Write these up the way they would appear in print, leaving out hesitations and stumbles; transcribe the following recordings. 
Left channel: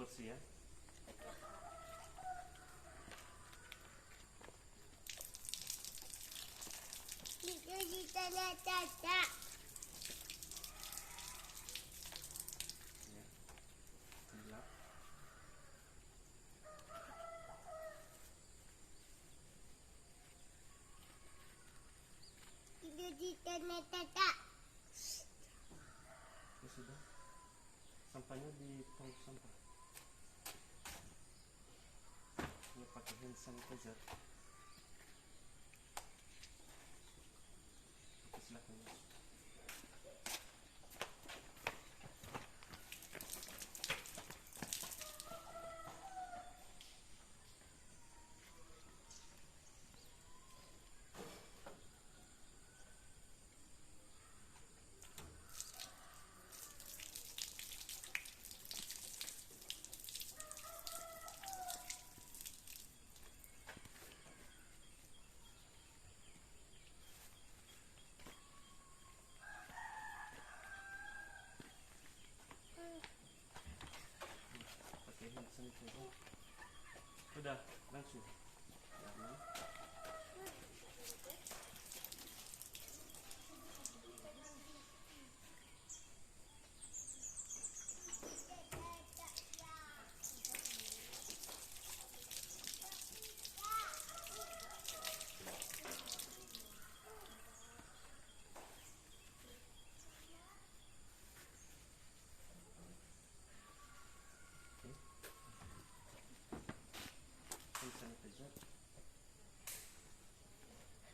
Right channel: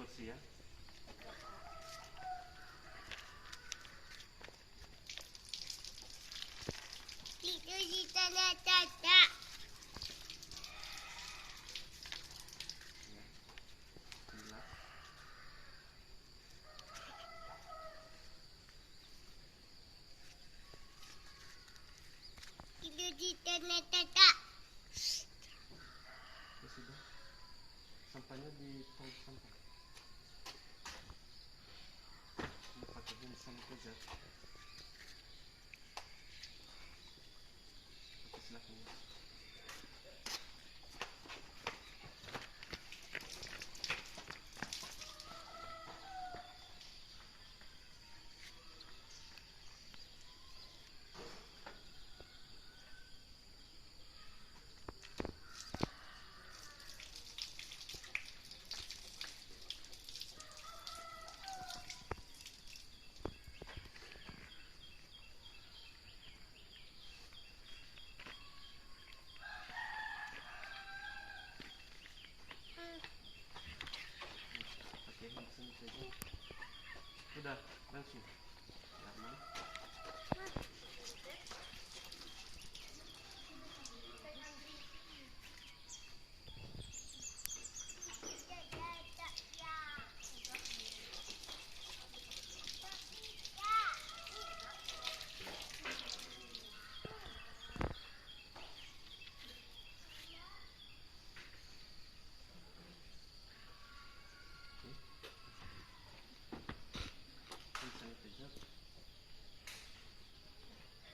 bersih ya. Itu di tanah caca. Gelap. Itu di tanah caca. Ya sudah. Sampahnya di tong sampah. Mau pakai hand sanitizer. Oke, silakan ya. Pakai hand sanitizer. Sudah, langsung. Aman. Hand sanitizer.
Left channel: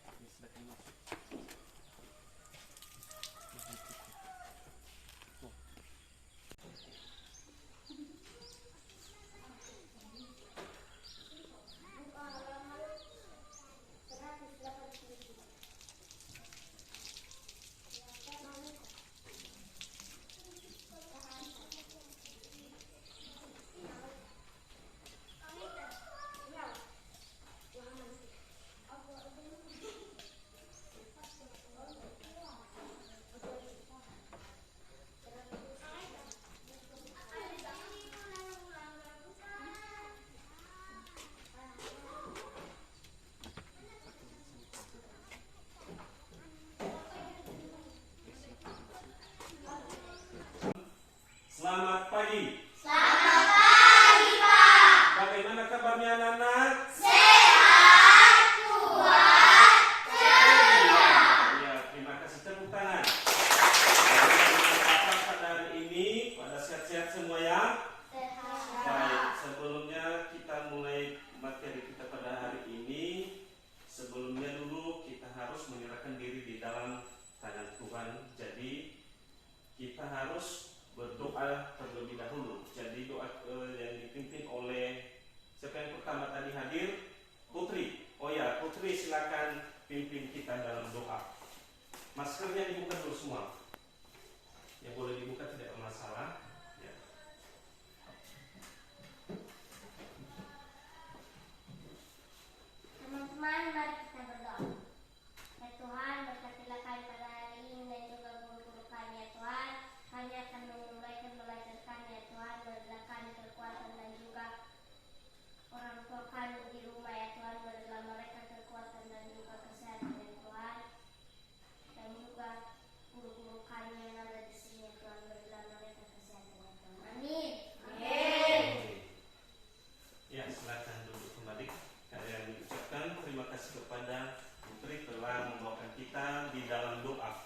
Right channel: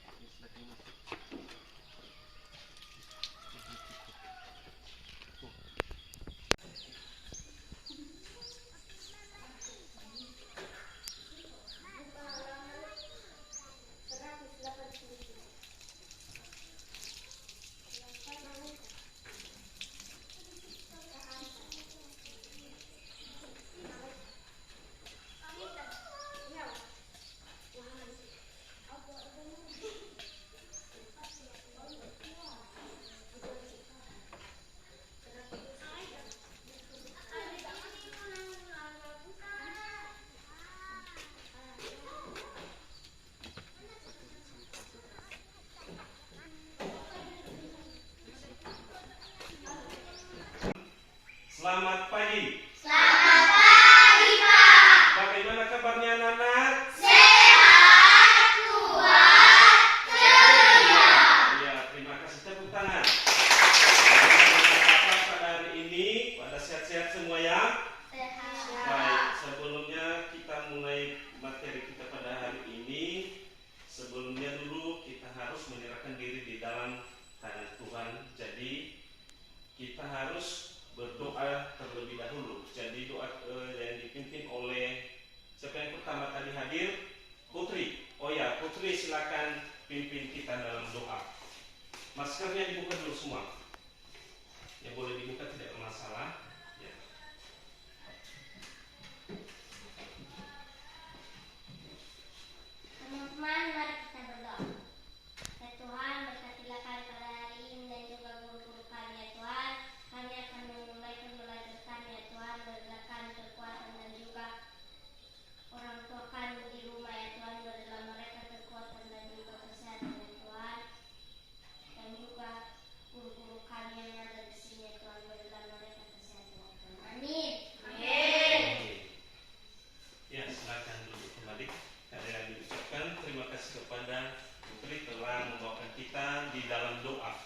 Ini silakan masuk. Oh. Selamat pagi. Selamat pagi, Pak. Bagaimana kabarnya anak-anak? Sehat, kuat, ceria. Ya, terima kasih. Tepuk tangan. Apa pada hari ini? Pada sehat-sehat semua ya? Sehat. Baik, sebelumnya kita mulai materi kita pada hari ini. Sebelumnya dulu kita harus menyerahkan diri di dalam tangan Tuhan. Jadi kita harus berdoa terlebih dahulu. Jadi doa yang dipimpin oleh siapa yang pertama tadi hadir? Putri. Oh ya, Putri silakan pimpin kita dalam doa. Maskernya dibuka dulu semua. Yang boleh dibuka tidak bermasalah. Ya. Teman-teman, mari kita berdoa. Ya Tuhan, berkatilah kami pada hari ini dan juga guru-guru kami ya Tuhan. Kami akan menunaikan belajar kami ya Tuhan. Berilah kami kekuatan dan juga orang tua kami di rumah ya Tuhan. Berilah mereka kekuatan dan juga kesehatan ya Tuhan. Dan juga guru-guru kami yang ada di sini ya Tuhan. Berilah mereka kesehatan ya Tuhan. Amin. Amin. Ya, silakan duduk kembali. Kalian ucapkan terima kasih kepada Putri telah membawakan kita di dalam doa.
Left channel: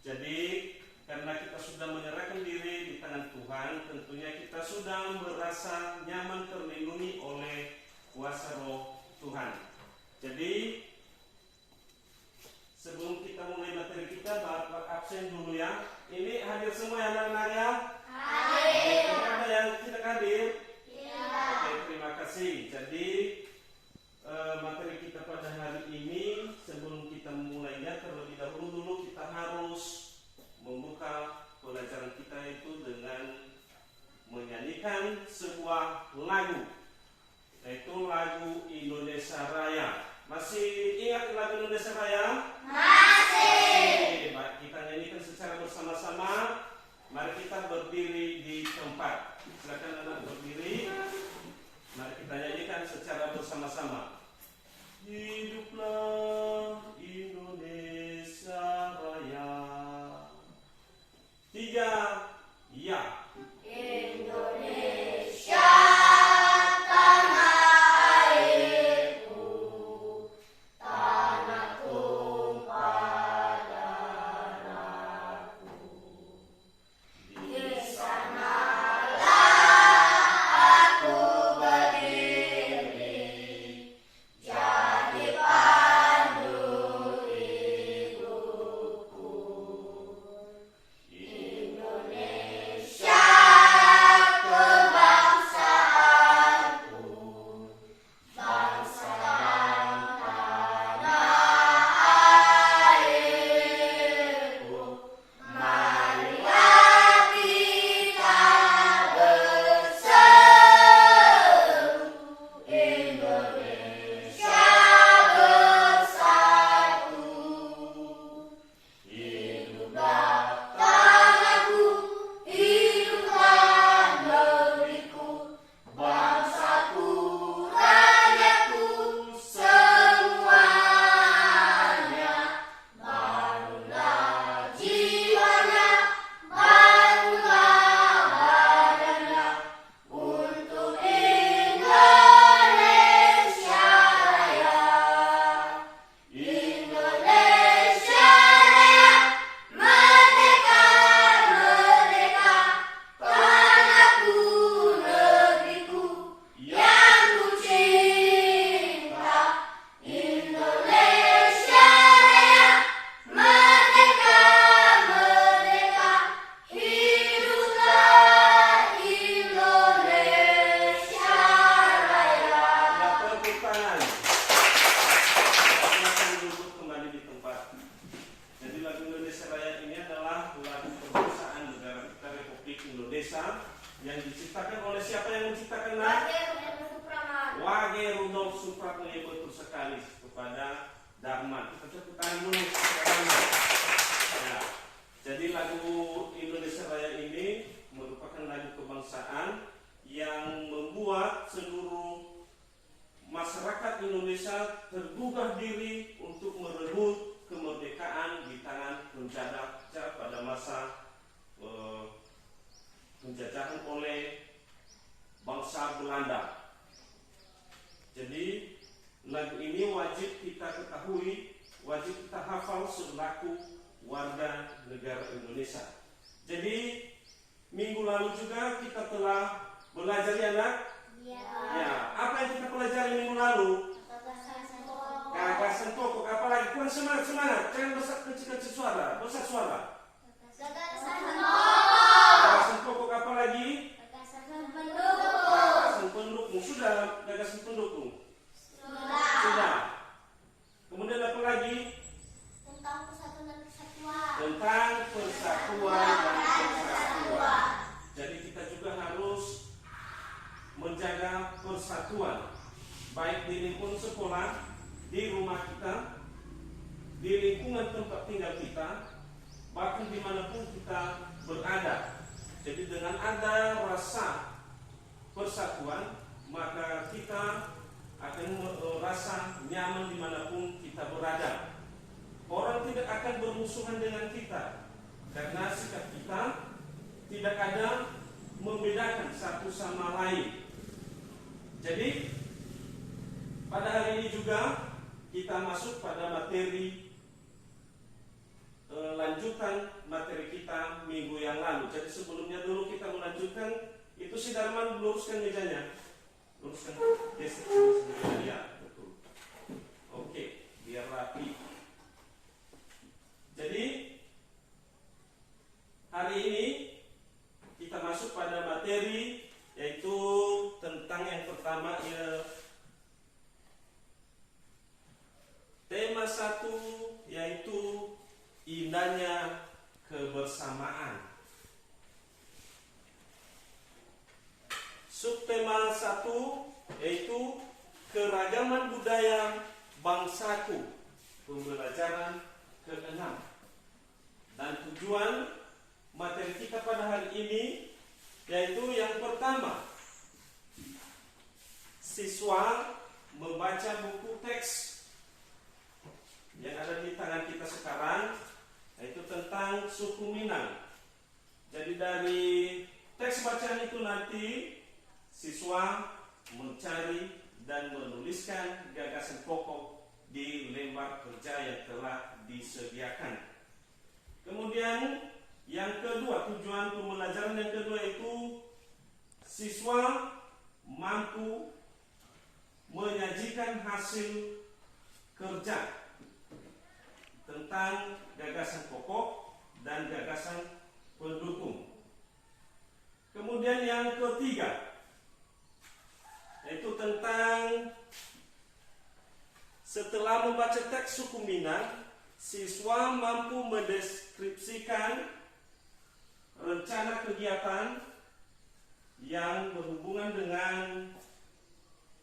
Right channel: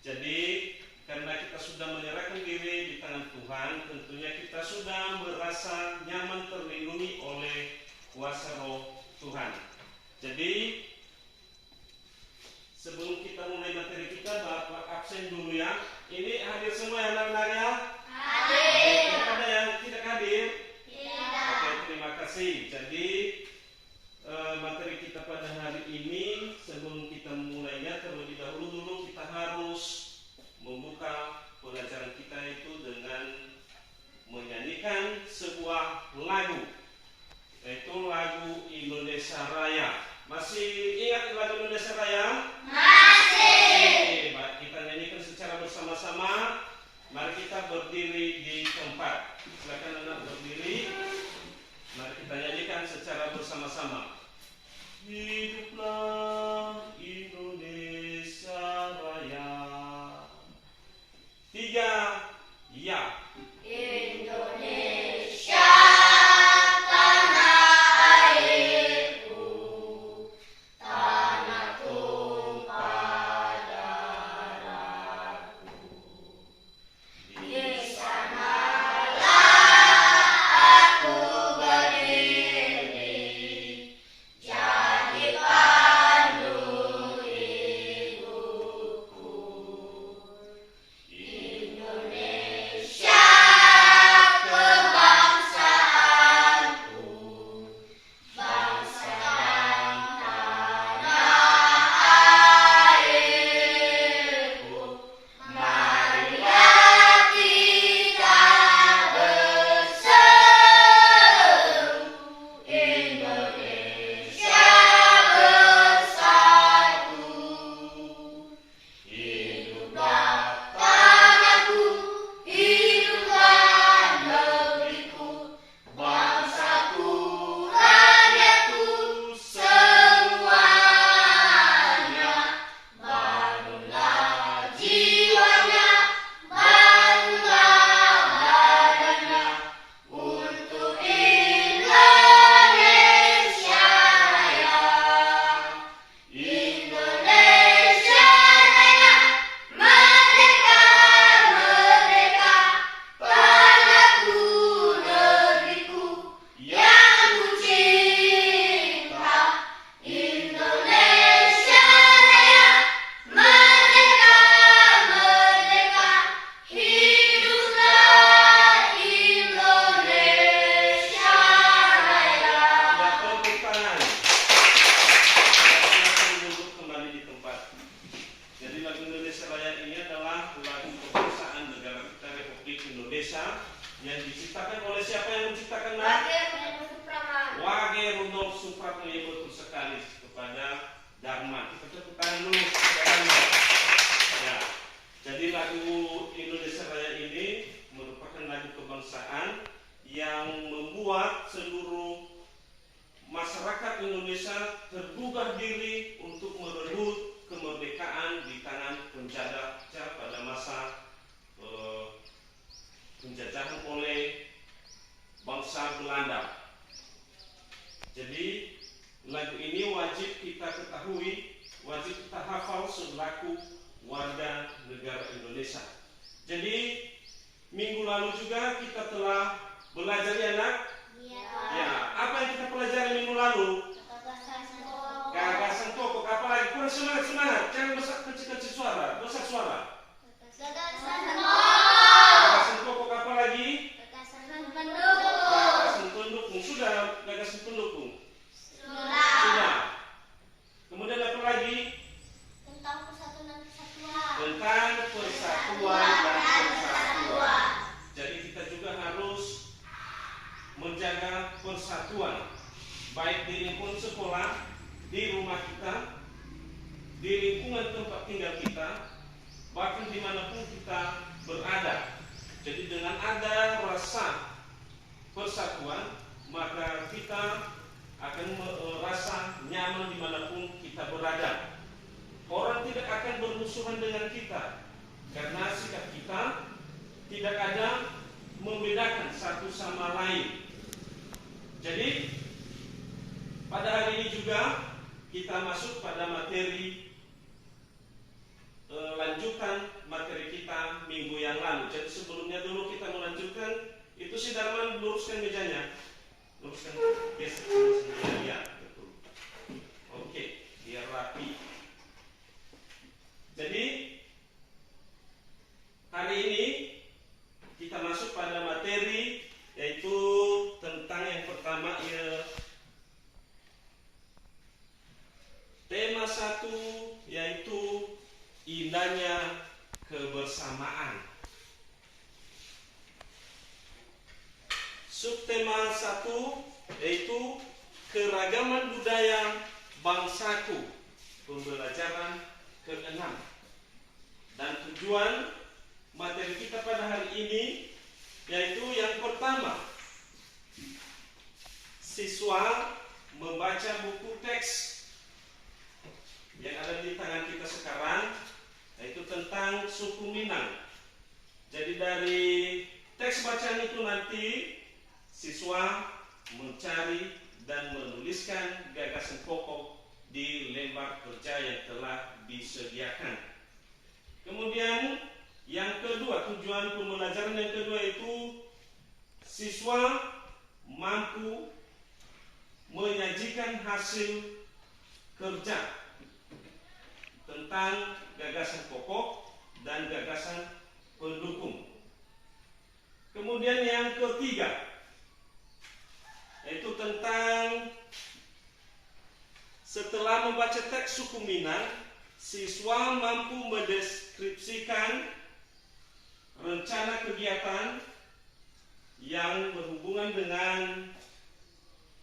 Jadi karena kita sudah menyerahkan diri di tangan Tuhan, tentunya kita sudah merasa nyaman terlindungi oleh kuasa roh Tuhan. Jadi sebelum kita mulai materi kita, Bapak absen dulu ya. Ini hadir semua ya anak-anak ya? Hadir. Ada yang tidak hadir? Tidak. Oke, terima kasih. Jadi materi kita pada hari ini, sebelum kita mulainya terlebih dahulu kita harus membuka pelajaran kita itu dengan menyanyikan sebuah lagu, yaitu lagu Indonesia Raya. Masih ingat lagu Indonesia Raya? Masih. Oke, kita nyanyikan secara bersama-sama. Mari kita berdiri di tempat. Silakan anak berdiri. bersama-sama. Hiduplah Indonesia Raya. 3, ya. Indonesia tanah airku, tanah tumpah darahku. Di sanalah aku berdiri, jadi pandu hidupku. Indonesia kebangsaanku, bangsa dan tanah airku. Marilah kita berseru, Indonesia bersatu. Hiduplah tanahku, hiduplah negeriku, bangsaku, rakyatku semuanya. Bangunlah jiwanya, bangunlah badannya, untuk Indonesia Raya. Indonesia Raya, merdeka, merdeka, tanahku, negeriku yang ku cinta. Indonesia Raya, merdeka, merdeka, hiduplah Indonesia Raya. Ya, tepuk tangan. Silakan duduk kembali di tempat. Jadi lagu Indonesia Raya ini adalah lagu kebangsaan negara kita Republik Indonesia yang diciptakan oleh siapa yang menciptakan? Wage Rudolf Supratman. Betul sekali, kepada Darman. Kita tepuk tangan dulu supaya Darman. Ya. Jadi lagu Indonesia Raya ini merupakan lagu kebangsaan yang membuat seluruh masyarakat Indonesia tergugah diri untuk merebut kemerdekaan di tangan penjajah pada masa penjajahan oleh bangsa Belanda. Jadi lagu ini wajib kita ketahui, wajib kita hafal selaku warga negara Indonesia. Jadi minggu lalu juga kita telah belajar ya nak? Ya, apa yang kita pelajari minggu lalu? Gagasan pokok. Apalagi kurang semangat. Jangan kecil-kecil suara, besar suara. Gagasan pokok apa lagi? Gagasan pendukung. Sudah gagasan pendukung. Sudah. Kemudian apa lagi? Tentang persatuan dan kesatuan. Tentang persatuan dan kesatuan. Jadi kita juga harus menjaga persatuan, baik di lingkungan sekolah, di rumah kita, di lingkungan tempat tinggal kita, bahkan dimanapun kita berada. Jadi dengan ada rasa persatuan, maka kita akan merasa nyaman dimanapun kita berada. Orang tidak akan bermusuhan dengan kita, karena sikap kita tidak ada membedakan satu sama lain. Jadi pada hari ini juga kita masuk pada materi lanjutan materi kita minggu yang lalu. Jadi sebelumnya dulu kita melanjutkan itu, si Darman luruskan mejanya, luruskan, yes, ya, betul. Oke, biar rapi. Jadi hari ini kita masuk pada materi, yaitu tentang yang pertama ya, tema 1, yaitu indahnya kebersamaan. Subtema 1 yaitu keragaman budaya bangsaku, pembelajaran ke-6. Dan tujuan materi kita pada hari ini yaitu yang pertama, siswa membaca buku teks yang ada di tangan kita sekarang, yaitu tentang suku Minang. Jadi dari teks bacaan itu nanti siswa mencari dan menuliskan gagasan pokok di lembar kerja yang telah disediakan. Kemudian yang kedua, tujuan pembelajaran yang kedua itu siswa mampu menyajikan hasil kerja tentang gagasan pokok dan gagasan pendukung. Kemudian yang ketiga yaitu tentang setelah membaca teks suku Minang, siswa mampu mendeskripsikan rencana kegiatan yang berhubungan dengan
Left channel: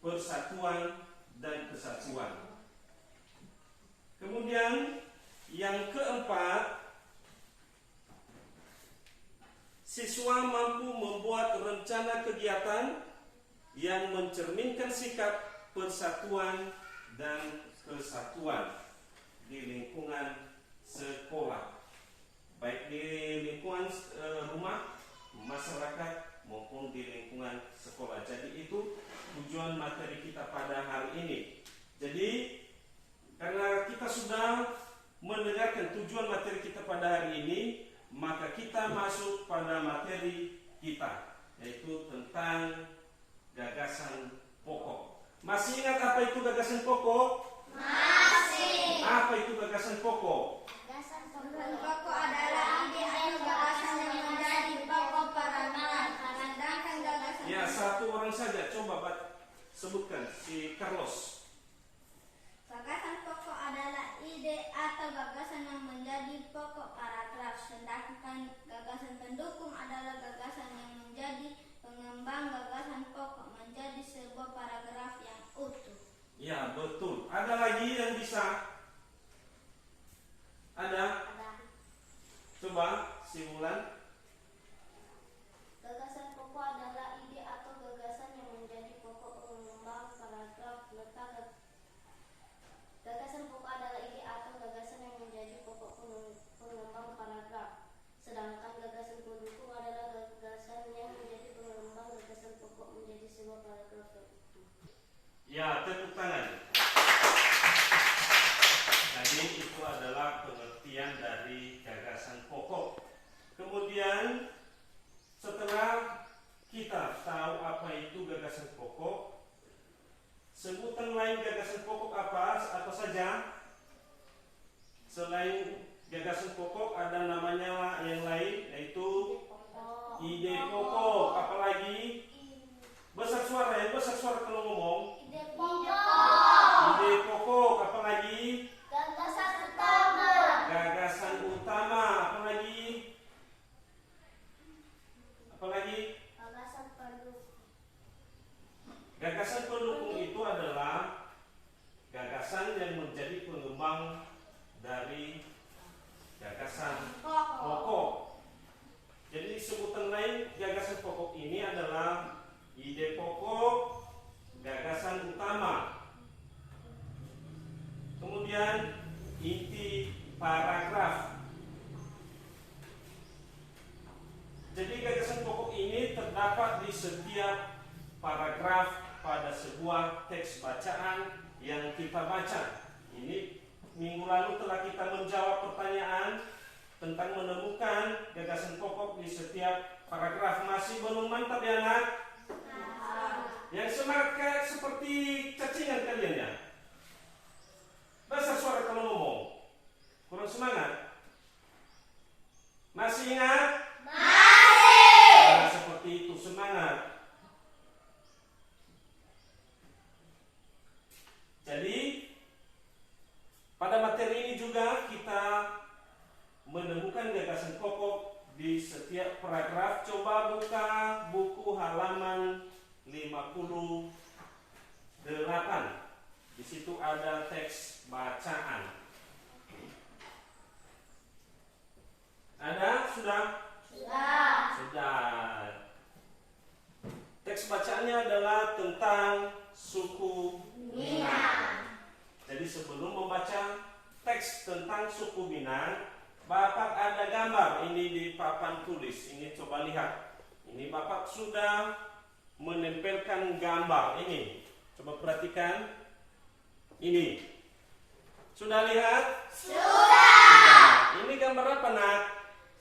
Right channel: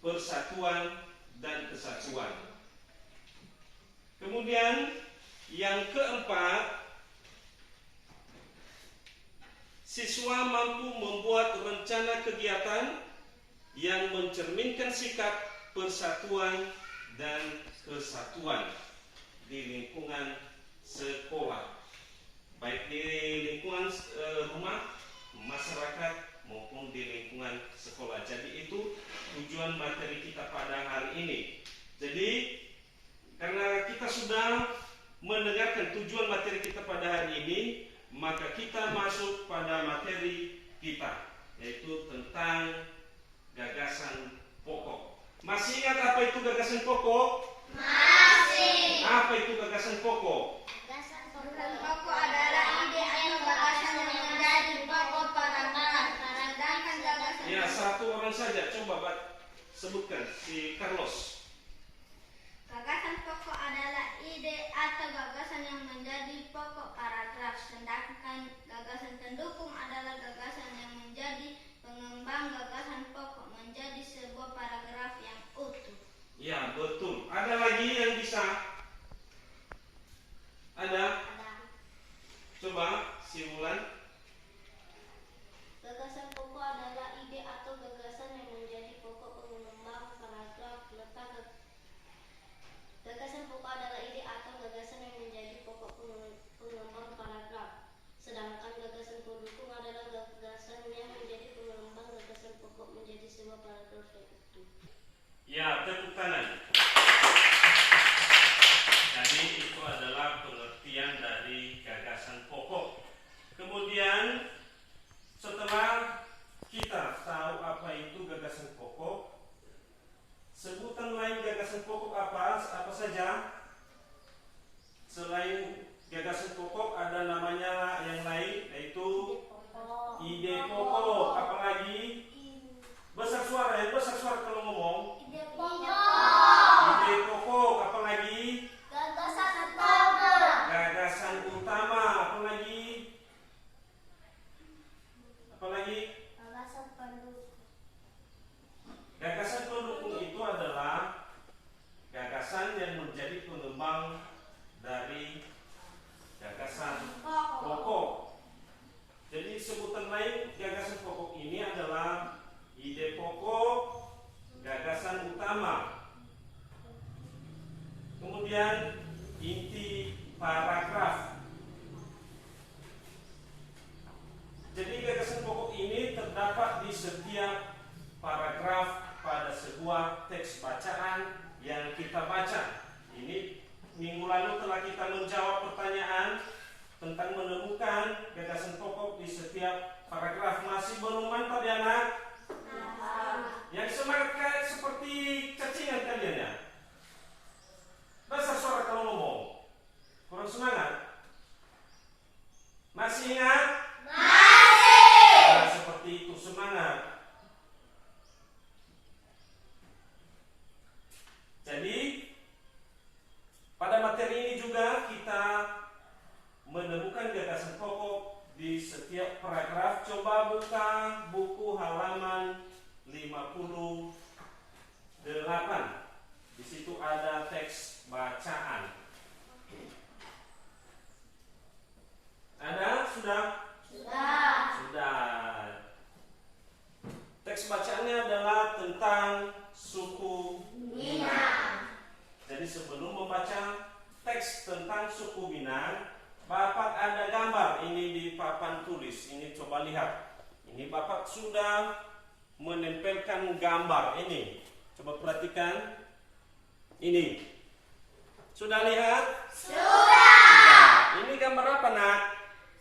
persatuan dan kesatuan. Kemudian yang keempat, siswa mampu membuat rencana kegiatan yang mencerminkan sikap persatuan dan kesatuan di lingkungan sekolah, baik di lingkungan rumah, masyarakat maupun di lingkungan sekolah. Jadi itu tujuan materi kita pada hari ini. Jadi karena kita sudah mendengarkan tujuan materi kita pada hari ini, maka kita masuk pada materi kita, yaitu tentang gagasan pokok. Masih ingat apa itu gagasan pokok? Masih. Apa itu gagasan pokok? Gagasan Pokok adalah ide atau gagasan yang menjadi pokok paragraf. Sedangkan gagasan Ya, satu orang saja. Coba sebutkan, si Carlos. Gagasan pokok adalah ide atau gagasan yang menjadi pokok paragraf. Sedangkan gagasan pendukung adalah gagasan yang menjadi pengembang gagasan pokok menjadi sebuah paragraf yang utuh. Ya, betul. Ada lagi yang bisa? Ada? Coba, si Wulan. Gagasan pokok adalah ide atau gagasan yang menjadi pokok pengembang paragraf. Gagasan pokok adalah ide atau gagasan yang menjadi pokok pengembang paragraf. Sedangkan gagasan pendukung adalah gagasan yang menjadi pengembang gagasan pokok menjadi sebuah paragraf yang utuh. Ya, tepuk tangan. Jadi itu adalah pengertian dari gagasan pokok. Kemudian setelah kita tahu apa itu gagasan pokok, sebutan lain gagasan pokok apa saja? Selain gagasan pokok ada namanya yang lain, yaitu ide pokok. Apalagi? Besar suara ya, besar suara kalau ngomong. Ide pokok. Ide pokok, apalagi? Gagasan utama. Gagasan utama, apalagi? Apalagi? Gagasan pendukung. Gagasan pendukung itu adalah gagasan yang menjadi pengembang dari gagasan pokok. Jadi sebutan lain gagasan pokok ini adalah ide pokok, gagasan utama, kemudian inti paragraf. Jadi gagasan pokok ini terdapat di setiap paragraf pada sebuah teks bacaan yang kita baca. Ini minggu lalu telah kita menjawab pertanyaan tentang menemukan gagasan pokok di setiap paragraf. Masih belum mantap ya anak? Yang semangat kayak seperti cacingan kalian ya. Bahasa suara kalau ngomong kurang semangat. Masih ingat? Masih. Nah, seperti itu semangat. Jadi pada materi ini juga kita menemukan gagasan pokok di setiap paragraf. Coba buka buku halaman 58. Di situ ada teks bacaan. Ada? Sudah? Sudah. Sudah. tentang suku Minang. Jadi sebelum membaca teks tentang suku Minang, Bapak ada gambar ini di papan tulis. Ini coba lihat. Ini Bapak sudah menempelkan gambar ini. Coba perhatikan. Ini. Sudah lihat? Sudah. Ini gambar apa, Nak?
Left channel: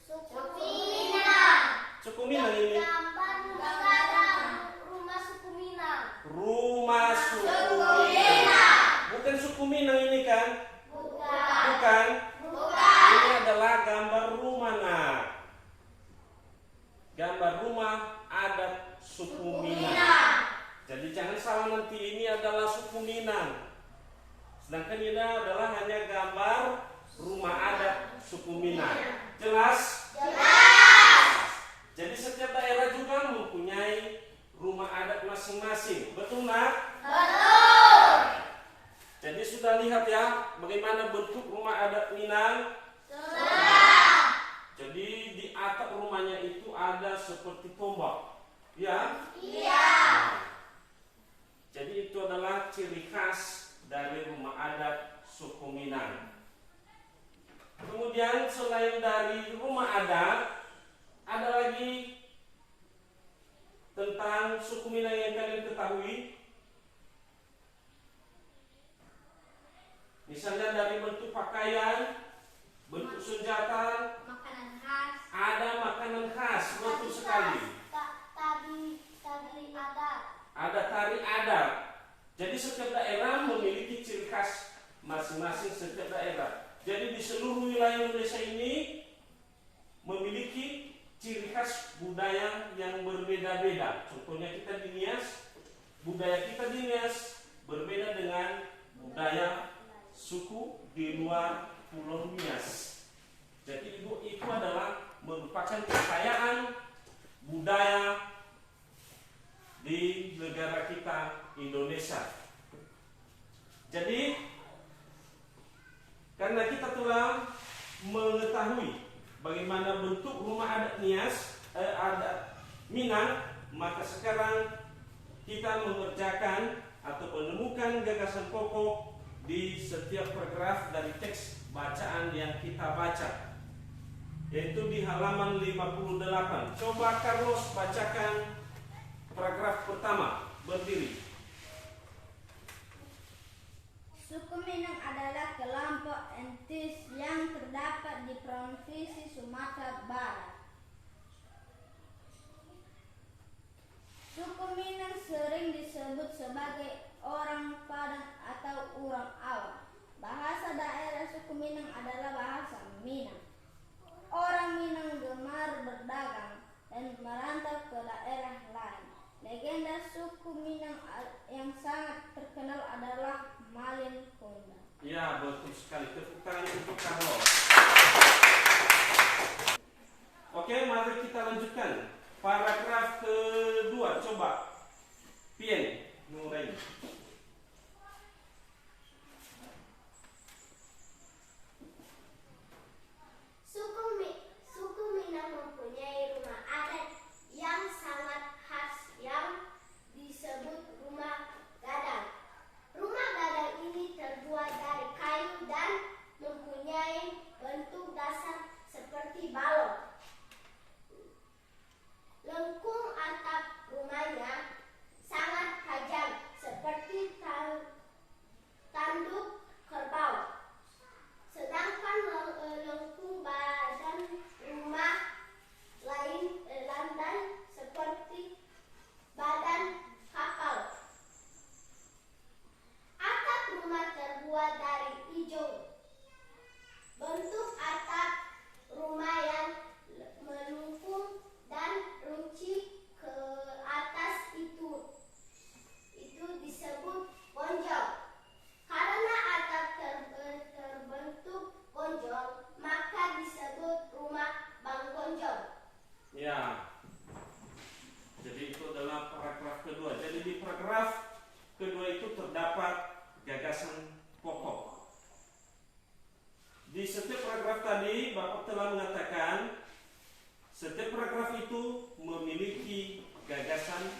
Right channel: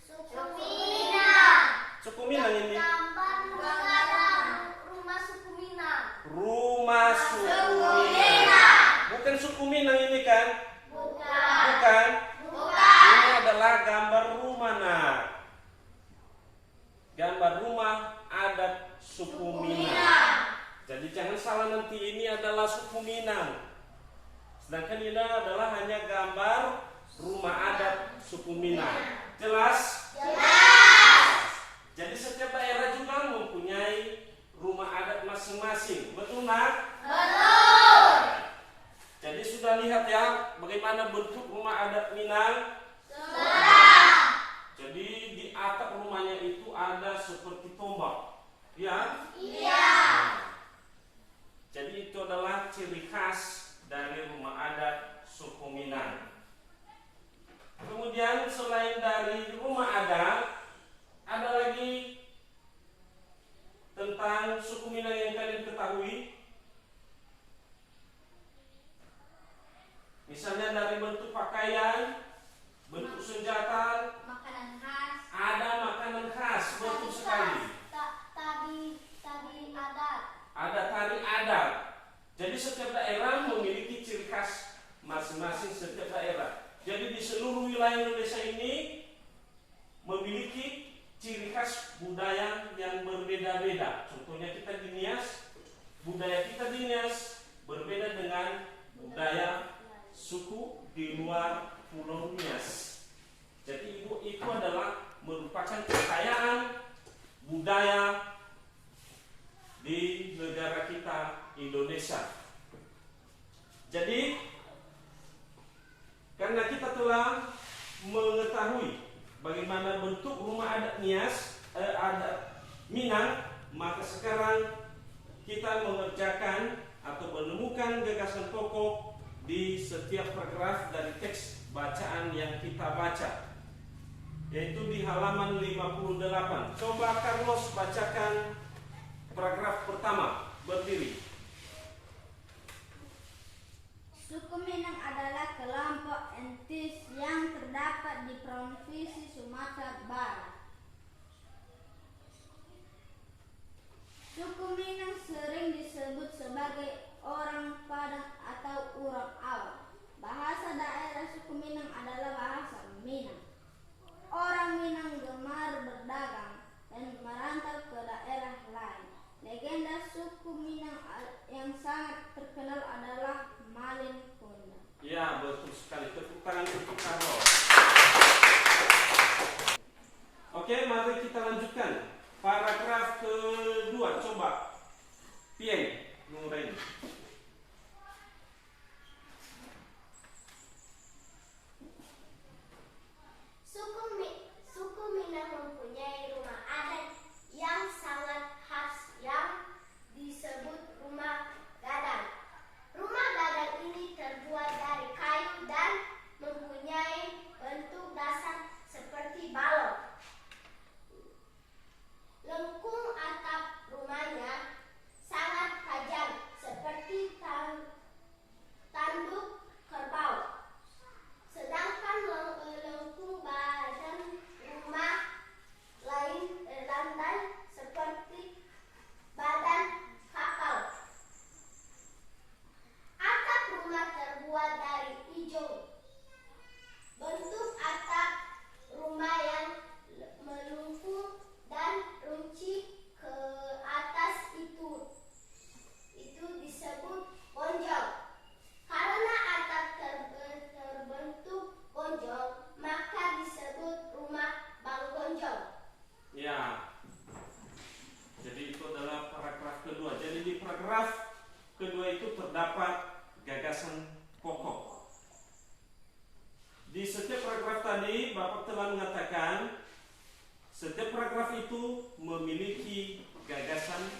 Suku Minang. Suku Minang ini. Gambar rumah suku Minang. Rumah suku Minang. Bukan suku Minang ini kan? Bukan. Ini adalah gambar rumah, Nak. Gambar rumah adat suku Minang. Jadi jangan salah nanti, ini adalah suku Minang. Sedangkan ini adalah hanya gambar rumah adat suku Minang. Jelas? Jelas. Jadi setiap daerah juga mempunyai rumah adat masing-masing. Betul, Nak? Betul. Jadi sudah lihat ya bagaimana bentuk rumah adat Minang? Sudah. Jadi di atap rumahnya itu ada seperti tombak. Ya? Iya. Jadi itu adalah ciri khas dari rumah adat suku Minang. Kemudian selain dari rumah adat, ada lagi tentang suku Minang yang kalian ketahui. Misalnya dari bentuk pakaian, bentuk senjata, Makanan khas. ada makanan khas, betul sekali. Tadi adat. Ada tari adat. Jadi setiap daerah memiliki ciri khas masing-masing setiap daerah. Jadi di seluruh wilayah Indonesia ini memiliki ciri khas budaya yang berbeda-beda. Contohnya kita di Nias, budaya kita di Nias berbeda dengan budaya suku di luar Pulau Nias. Jadi itu adalah merupakan kekayaan budaya di negara kita Indonesia. Jadi karena kita telah mengetahui bagaimana bentuk rumah adat Nias, adat Minang, maka sekarang kita mengerjakan atau menemukan gagasan pokok di setiap paragraf dari teks bacaan yang kita baca, yaitu di halaman 58. Coba Carlos bacakan paragraf pertama, berdiri. Suku Minang adalah kelompok etnis yang terdapat di Provinsi Sumatera Barat. Suku Minang sering disebut sebagai orang Padang atau orang Awang. Bahasa daerah suku Minang adalah bahasa Minang. Orang Minang gemar berdagang dan merantau ke daerah lain. Legenda suku Minang yang sangat terkenal adalah Malin Kundang. Ya, betul sekali. Tepuk tangan untuk Carlos. Oke, mari kita lanjutkan. Paragraf kedua, coba Pien mulai. Suku Minang mempunyai rumah adat yang sangat khas yang disebut rumah gadang. Rumah gadang ini terbuat dari kayu dan mempunyai bentuk dasar seperti balok. Lengkung atap rumahnya sangat tajam seperti tanduk kerbau. Sedangkan lengkung badan rumah landai seperti badan kapal. Atap rumah terbuat dari ijon. Bentuk atap rumah yang melengkung dan runcing ke atas itu disebut gonjol. Karena atap terbentuk gonjol, maka disebut rumah Bang Gonjol. Ya. Jadi itu adalah paragraf kedua. Jadi di paragraf kedua itu terdapat gagasan pokok. Di setiap paragraf tadi Bapak telah mengatakan setiap paragraf itu memiliki gagasan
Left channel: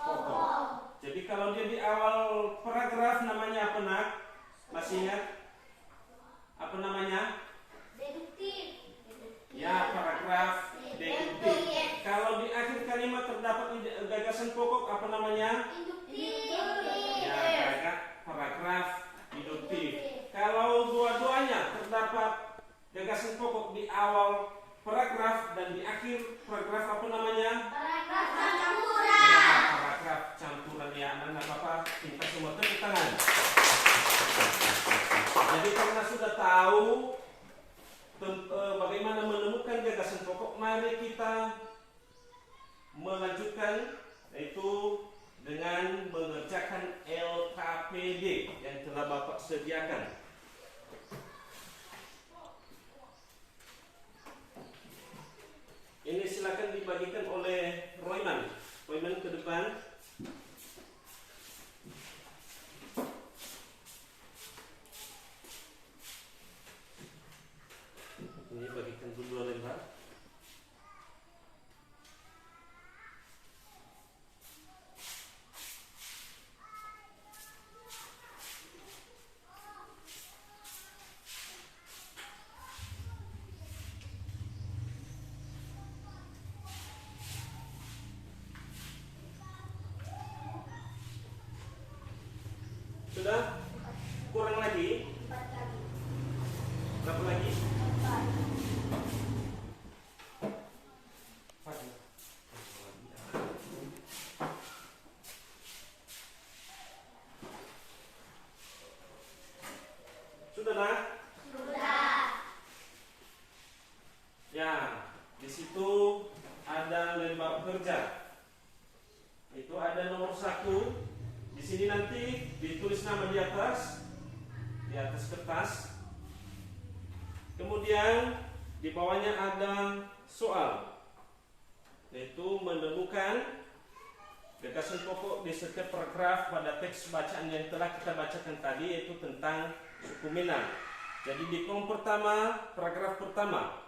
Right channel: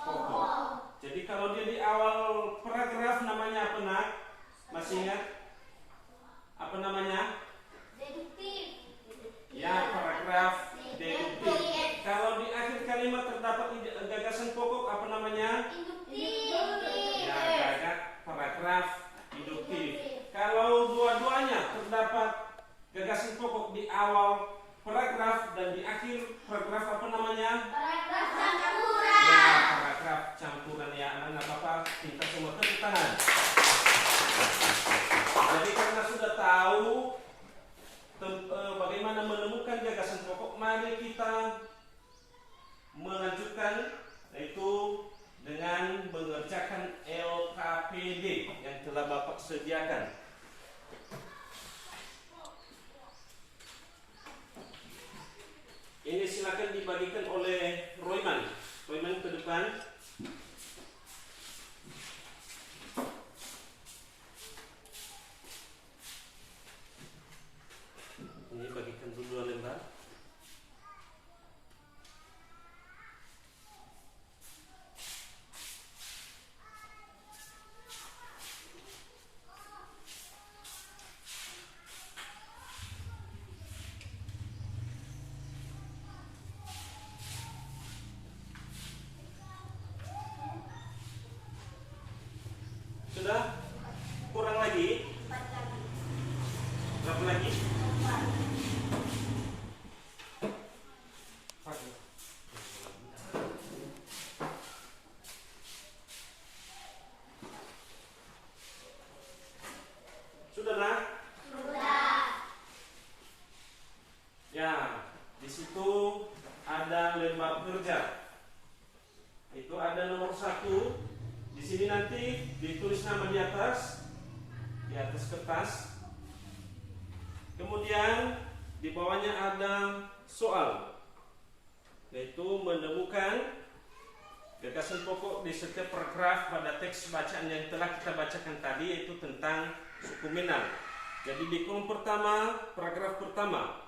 pokok. Jadi kalau dia di awal paragraf namanya apa nak? Masih ingat? Apa namanya? Deduktif. Ya, paragraf deduktif. Kalau di akhir kalimat terdapat gagasan pokok apa namanya? Induktif. Ya, paragraf induktif. Kalau dua-duanya terdapat gagasan pokok di awal paragraf dan di akhir paragraf apa namanya? Paragraf campuran. Ya, paragraf campuran ya. Anak Bapak kita semua tepuk tangan. Jadi karena sudah tahu bagaimana menemukan gagasan pokok, mari kita melanjutkan yaitu dengan mengerjakan LKPD yang telah Bapak sediakan. Ini silakan dibagikan oleh Royman. Royman ke depan. Ini bagikan dulu 2 lembar. Sudah? Kurang lagi? 4 kali. Berapa lagi? 4. Sudah nak? Sudah. Ya, di situ ada lembar kerja. Itu ada nomor 1. Di sini nanti ditulis nama di atas kertas. Kemudian di bawahnya ada soal, yaitu menemukan gagasan pokok di setiap paragraf pada teks bacaan yang telah kita bacakan tadi, yaitu tentang suku Minang. Jadi di kolom pertama, paragraf pertama.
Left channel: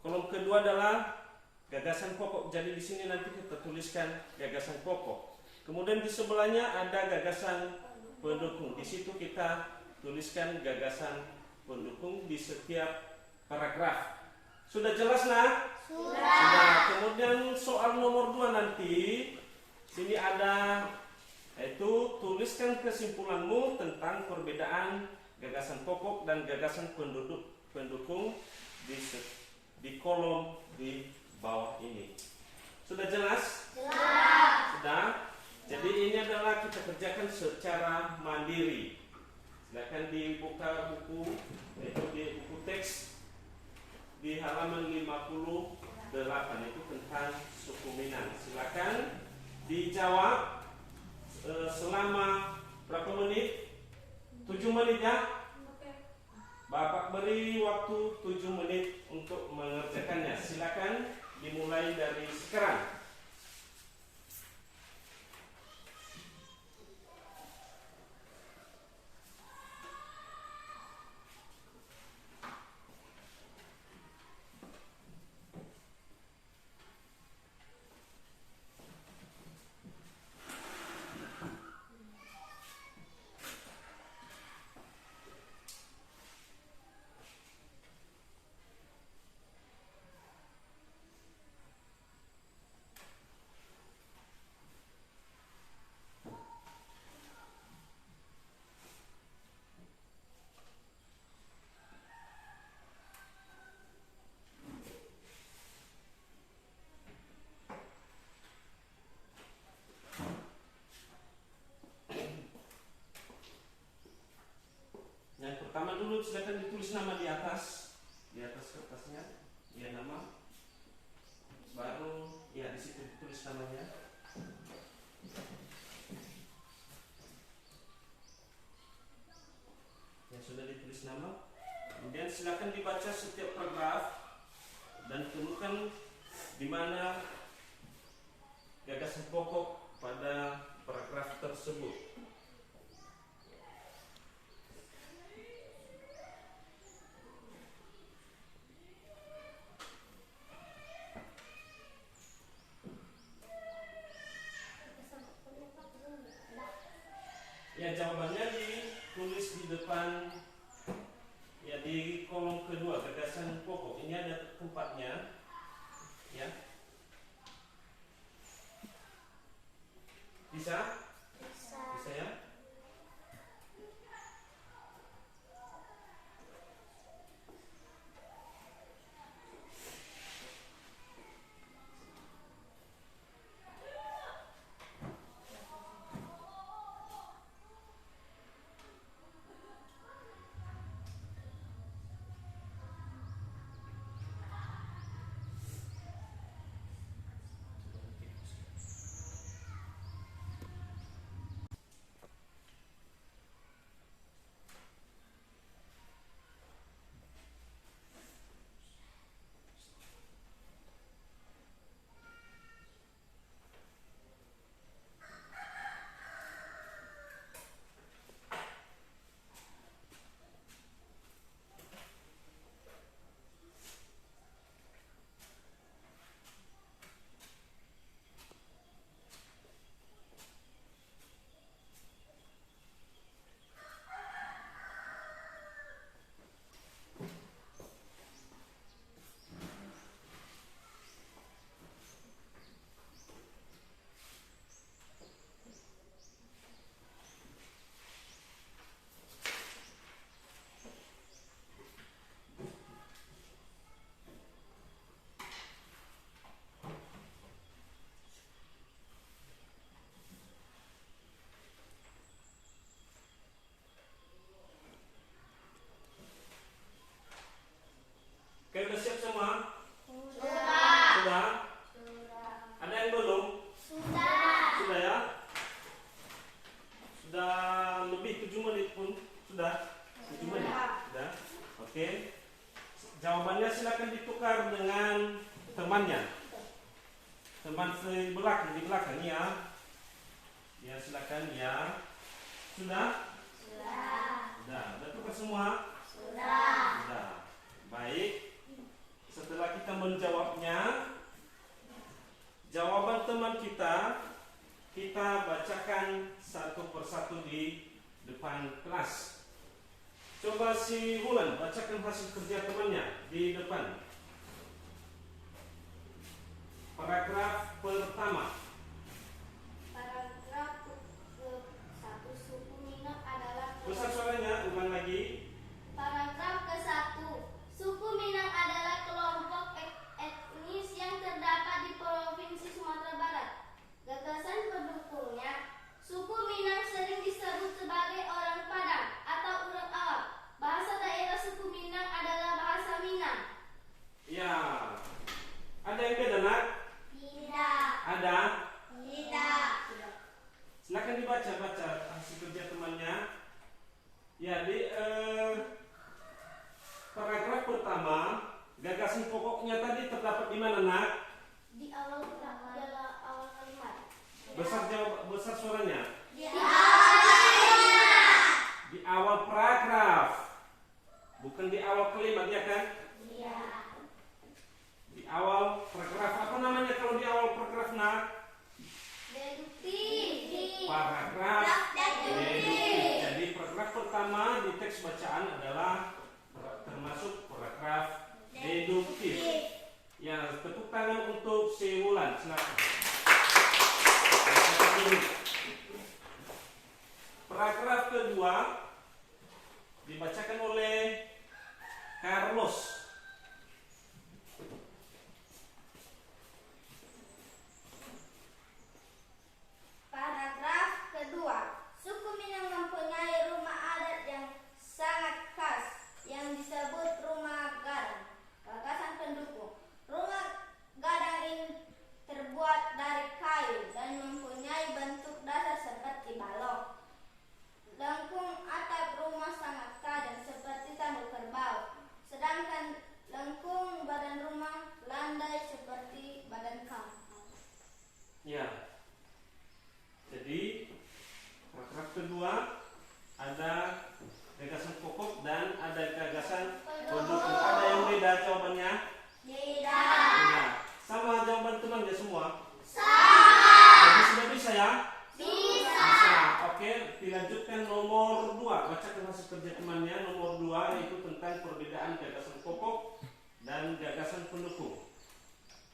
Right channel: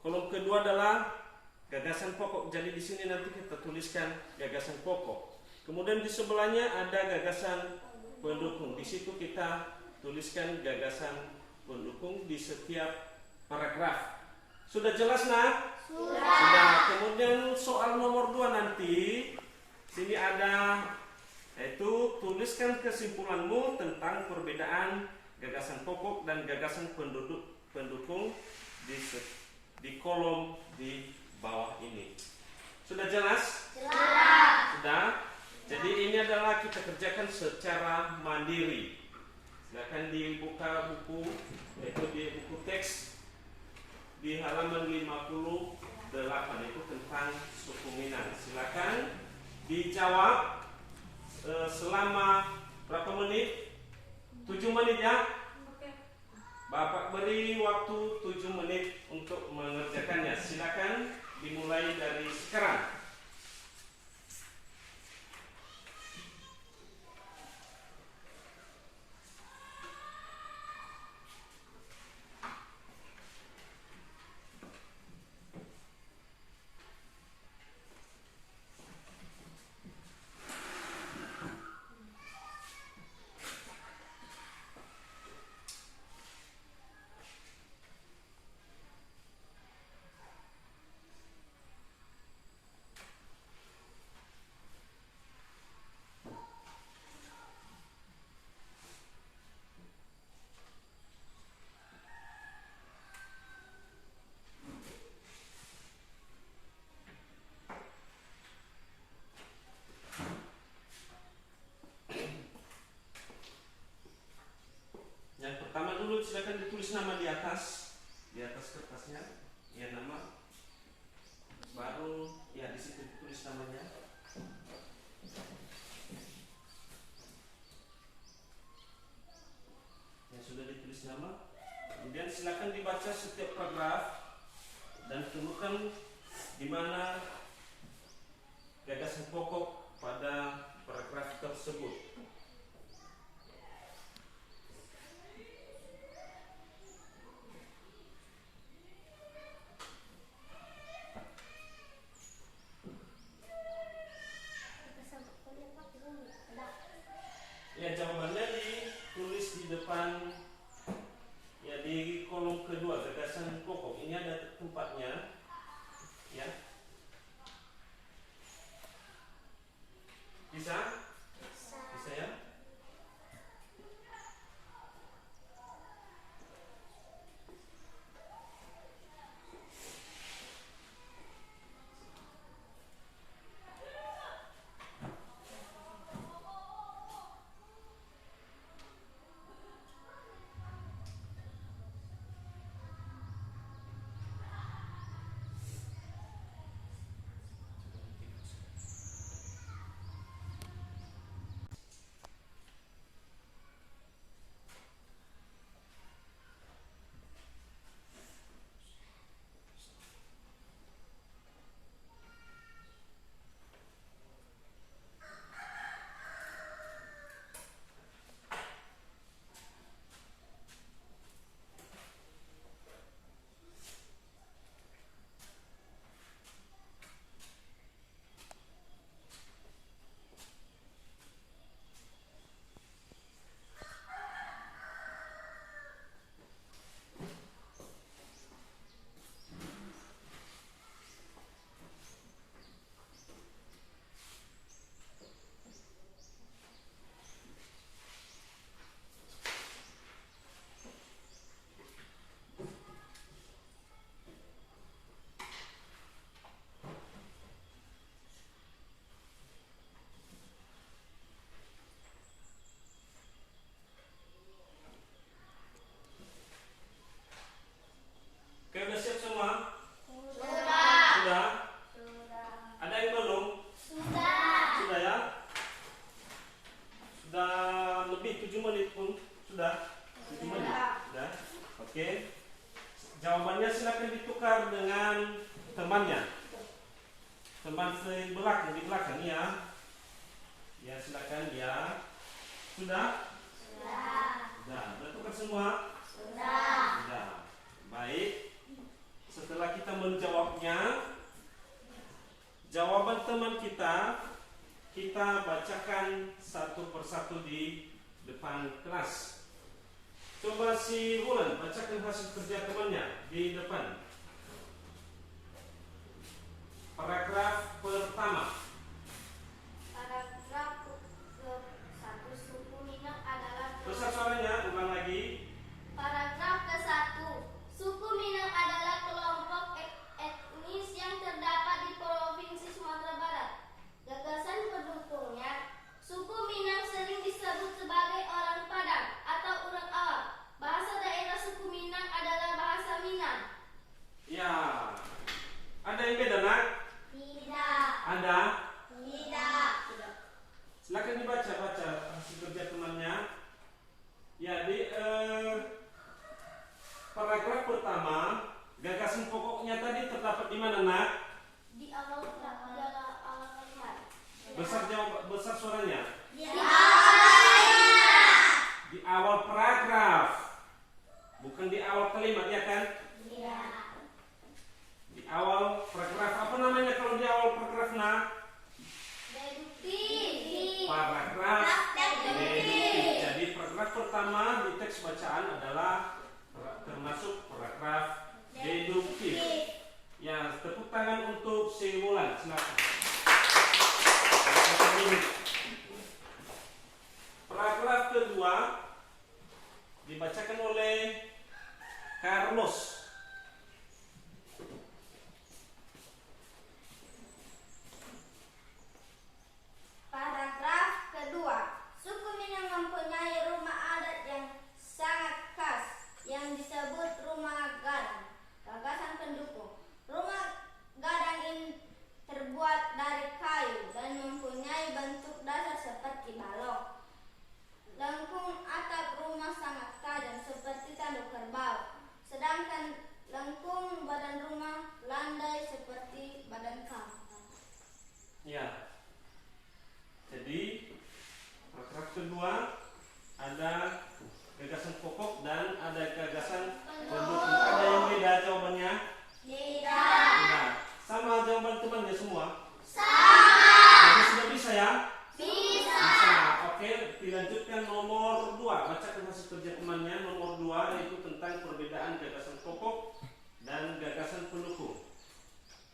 Kolom kedua adalah gagasan pokok. Jadi di sini nanti kita tuliskan gagasan pokok. Kemudian di sebelahnya ada gagasan pendukung. Di situ kita tuliskan gagasan pendukung di setiap paragraf. Sudah jelas nak? Sudah. Kemudian soal nomor 2 nanti sini ada, yaitu tuliskan kesimpulanmu tentang perbedaan gagasan pokok dan gagasan pendukung di kolom di bawah ini. Sudah jelas? Jelas. Sudah. Jadi ini adalah kita kerjakan secara mandiri. Silakan dibuka buku, yaitu di buku teks di halaman 58, itu tentang suku Minang. Silakan dijawab selama berapa menit? 7 menit ya. Bapak beri waktu 7 menit untuk mengerjakannya. Silakan dimulai dari sekarang. Yang pertama dulu silakan ditulis nama di atas kertasnya, ya nama. Baru ya di situ ditulis namanya. Yang sudah ditulis nama, kemudian silakan dibaca setiap paragraf dan temukan di mana gagasan pokok pada paragraf tersebut. Ya, jawabannya ditulis di depan, ya, di kolom kedua, gagasan pokok. Ini ada tempatnya, ya. Bisa? Bisa ya? Oke, udah siap semua? Sudah? Ada yang belum? Sudah ya? Sudah lebih 7 menit pun? Sudah? 7 menit? Sudah? Oke. Jawabannya silakan ditukar dengan temannya. Teman di belakang ya. Ya, silakan ya. Sudah? Sudah. Sudah tukar semua? Sudah. Baik. Setelah kita menjawabnya, jawaban teman kita bacakan satu persatu di depan kelas. Coba si Wulan bacakan hasil kerja temannya di depan. Paragraf pertama. Paragraf ke-1, suku Minang adalah Besar suaranya, ulang lagi. Paragraf ke-1, suku Minang adalah kelompok etnis yang terdapat di Provinsi Sumatera Barat. Gagasan pendukungnya, suku Minang sering disebut sebagai orang Padang atau orang awam. Bahasa daerah suku Minang adalah bahasa Minang. Ya. Ada yang beda, Nak? Tidak. Ada? Tidak. Silakan dibaca hasil kerja temannya. Ya, di paragraf pertama, gagasan pokoknya tadi terdapat di mana, Nak? Di awal kalimat. Besar suaranya. Di Di awal paragraf. Bukan di awal kalimat, ya kan? Iya. Di awal paragraf. Apa namanya kalau di awal paragraf, Nak? Deduktif. Paragraf deduktif. Jadi paragraf pertama di teks bacaan adalah termasuk paragraf deduktif. Ya, tepuk tangan untuk si Wulan. Silakan. Paragraf kedua dibacakan oleh Carlos. Paragraf kedua, suku Minang mempunyai rumah adat yang sangat khas yang disebut rumah gadang. Gagasan pendukung, rumah gadang ini terbuat dari kayu dan mempunyai bentuk dasar seperti balok. Lengkung atap rumah sangat tajam seperti tanduk kerbau, sedangkan lengkung badan rumah landai seperti badan kampak. Ya. Jadi paragraf kedua ada gagasan pokok dan ada gagasan pendukung. Ada yang beda jawabannya? Tidak. Nah, sama jawaban temannya semua. Sama. Jadi sudah bisa ya? Bisa. Bisa. Oke. dilanjutkan nomor 2. Bacakan hasil kerja temannya nomor 2, yaitu tentang perbedaan gagasan pokok dan gagasan pendukung.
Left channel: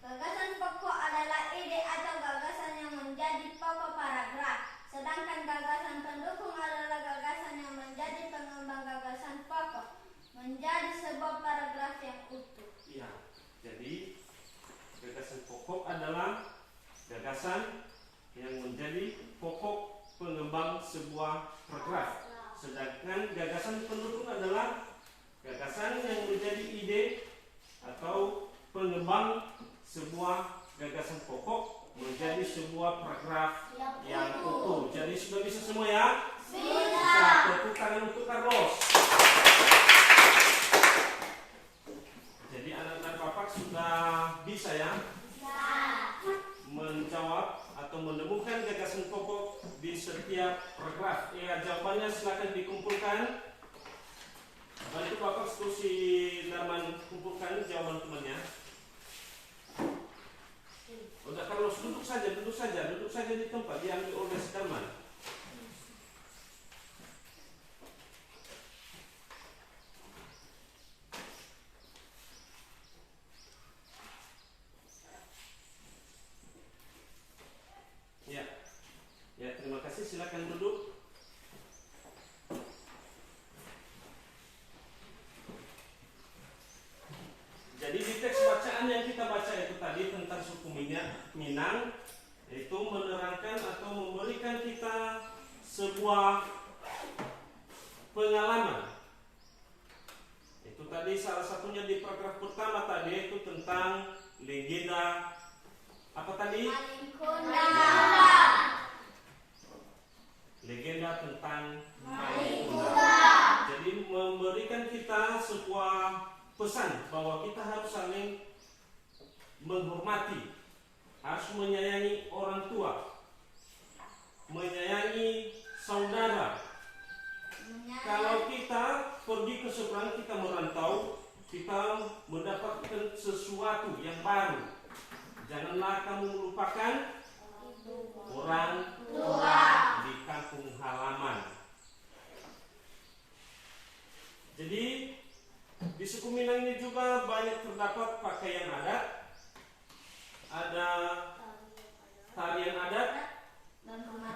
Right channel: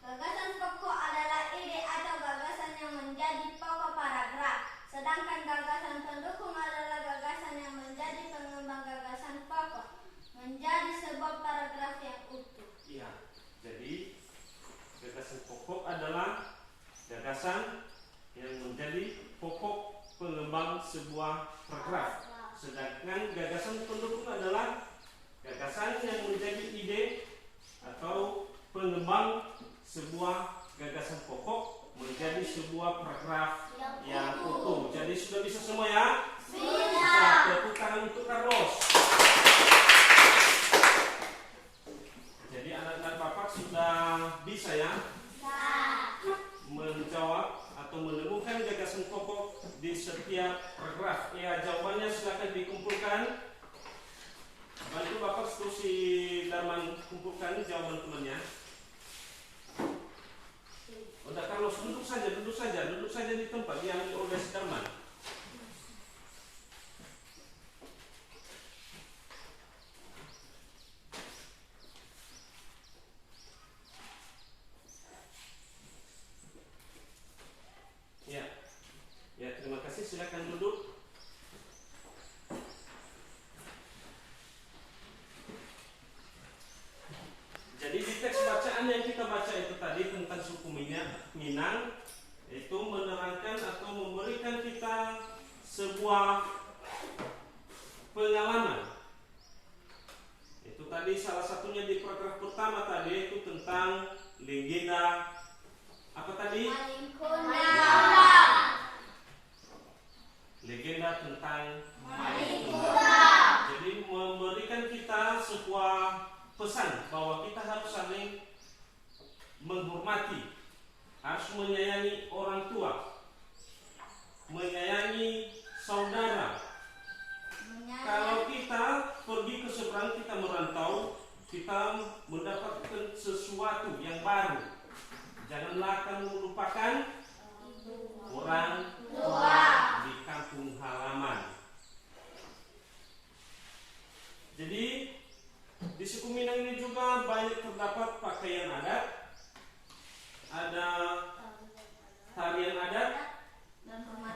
Gagasan pokok adalah ide atau gagasan yang menjadi pokok paragraf, sedangkan gagasan pendukung adalah gagasan yang menjadi pengembang gagasan pokok, menjadi sebuah paragraf yang utuh. Ya, jadi gagasan pokok adalah gagasan yang menjadi pokok pengembang sebuah paragraf, sedangkan gagasan pendukung adalah gagasan yang menjadi ide atau pengembang sebuah gagasan pokok menjadi sebuah paragraf yang utuh. Jadi sudah bisa semua ya? Bisa. Tepuk tangan untuk Carlos. Jadi anak-anak Bapak sudah bisa ya? Menjawab atau menemukan gagasan pokok di setiap paragraf. Ya, jawabannya silakan dikumpulkan. Nanti Bapak terus si Darman kumpulkan jawaban temannya. Udah Carlos, duduk saja di tempat diambil oleh si Darman. Ya, terima kasih. Silakan duduk. Jadi di teks bacaan yang kita baca itu tadi tentang suku Minang, itu menerangkan atau memberikan kita sebuah pengalaman. Itu tadi salah satunya di paragraf pertama tadi itu tentang legenda apa tadi? Legenda tentang Malingkunda. Jadi memberikan kita sebuah pesan bahwa kita harus saling menghormati, harus menyayangi orang tua, menyayangi saudara. Kalau kita pergi ke seberang, kita merantau, kita mendapatkan sesuatu yang baru. Janganlah kamu melupakan orang tua di kampung halaman. Jadi di suku Minang ini juga banyak terdapat pakaian adat, ada tarian adat,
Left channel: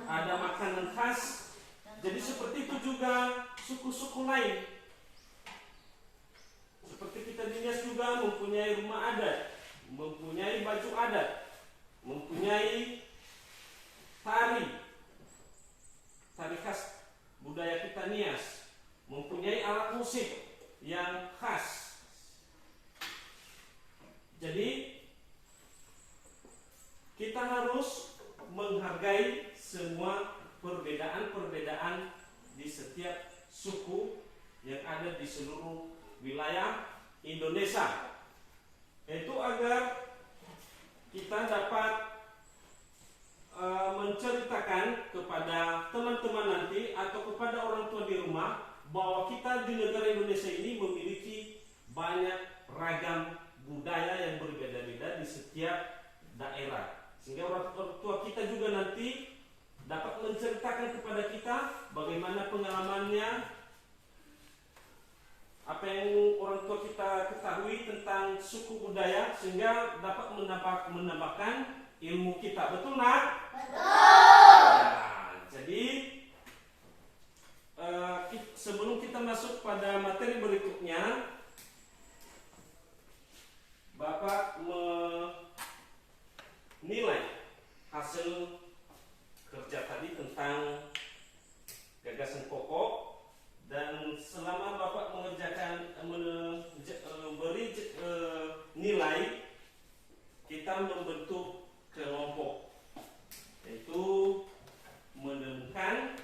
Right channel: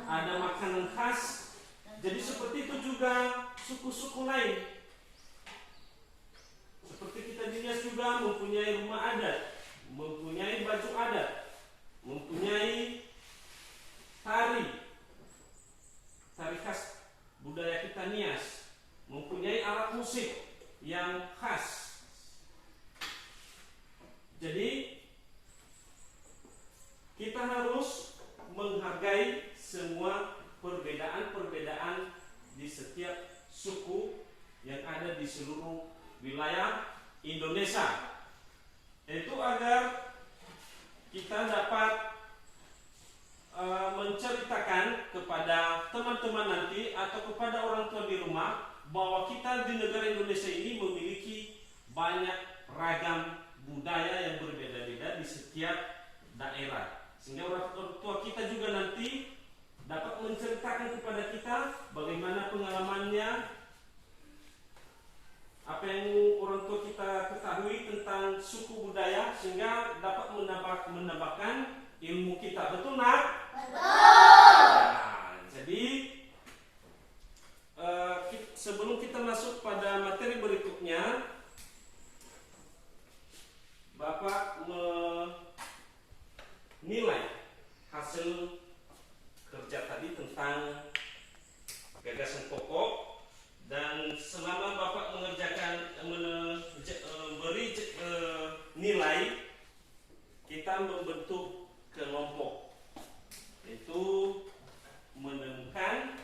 ada makanan khas. Jadi seperti itu juga suku-suku lain. Seperti kita di Nias juga mempunyai rumah adat, mempunyai baju adat, mempunyai tari khas budaya kita Nias, mempunyai alat musik yang khas. Jadi kita harus menghargai semua perbedaan-perbedaan di setiap suku yang ada di seluruh wilayah Indonesia. Itu agar kita dapat menceritakan kepada teman-teman nanti atau kepada orang tua di rumah bahwa kita di negara Indonesia ini memiliki banyak ragam budaya yang berbeda-beda di setiap daerah, sehingga orang tua kita juga nanti dapat menceritakan kepada kita bagaimana pengalamannya, apa yang orang tua kita ketahui tentang suku budaya, sehingga dapat menambahkan ilmu kita. Betul nak? Betul. Nah, jadi sebelum kita masuk pada materi berikutnya, Bapak menilai hasil kerja tadi tentang gagasan pokok, dan selama Bapak mengerjakan memberi nilai, kita membentuk kelompok, yaitu menemukan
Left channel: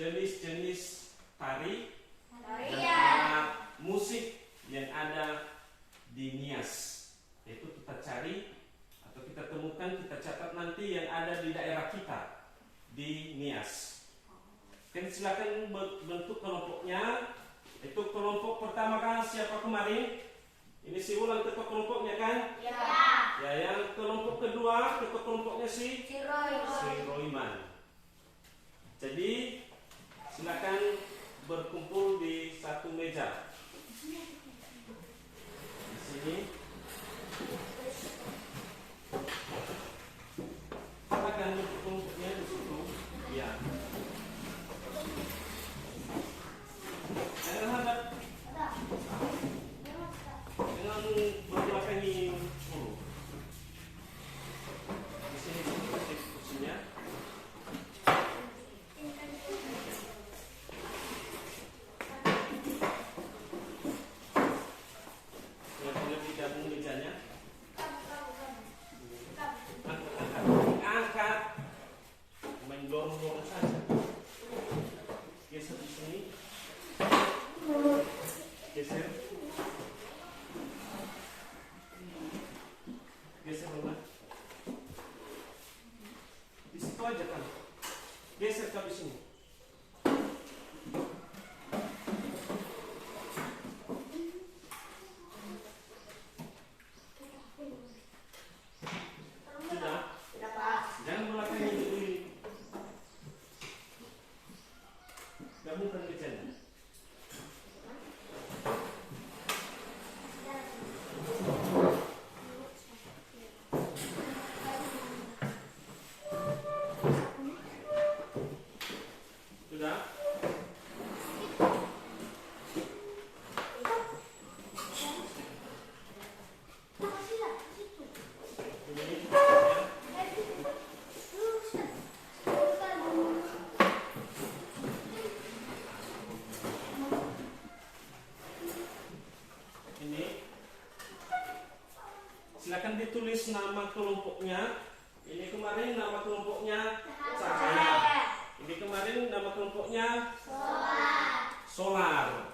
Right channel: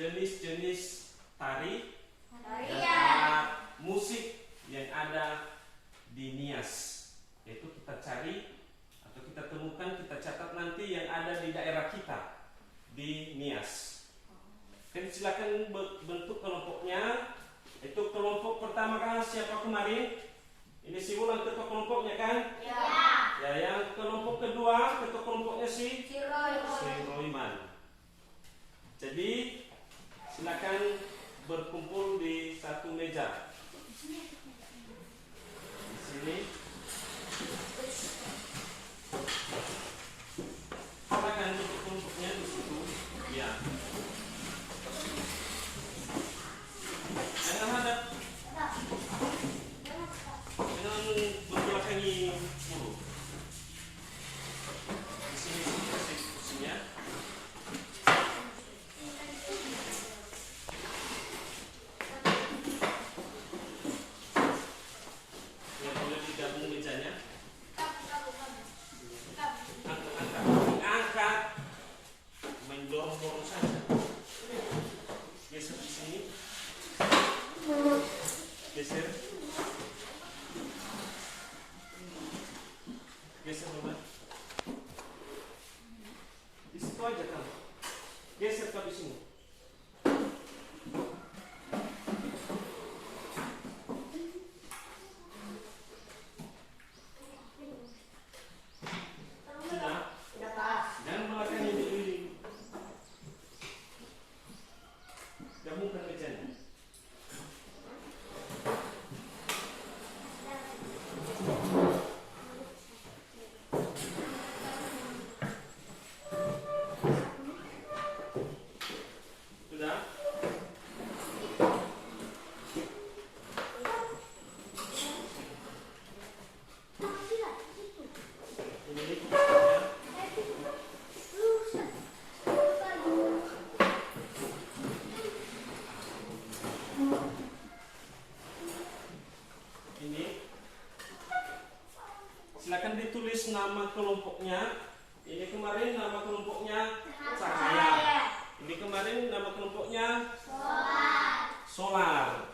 jenis-jenis tari dan alat musik yang ada di Nias. Itu kita cari atau kita temukan, kita catat nanti yang ada di daerah kita di Nias. Jadi silakan bentuk kelompoknya. Itu kelompok pertama kan siapa kemarin? Ini si Ulang ketua kelompoknya kan? Ya. Ya, yang kelompok kedua ketua kelompoknya si Roy. Royman. Jadi silakan berkumpul di satu meja. Di sini. Silakan untuk kelompoknya di situ. Ya. Jangan hadap. Jangan membelakangi guru. Di sini kasih kursinya. Ya, boleh digabung mejanya. Angkat. Main dorong-dorong saja. Geser di sini. Geser. Geser Roman. Di situ aja kan. Geser ke di sini. Sudah. Jangan belakangi dulu. Gabungkan mejanya. Sudah? Ini silakan ditulis nama kelompoknya. Ini kemarin nama kelompoknya Cahaya. Ini kemarin nama kelompoknya Solar.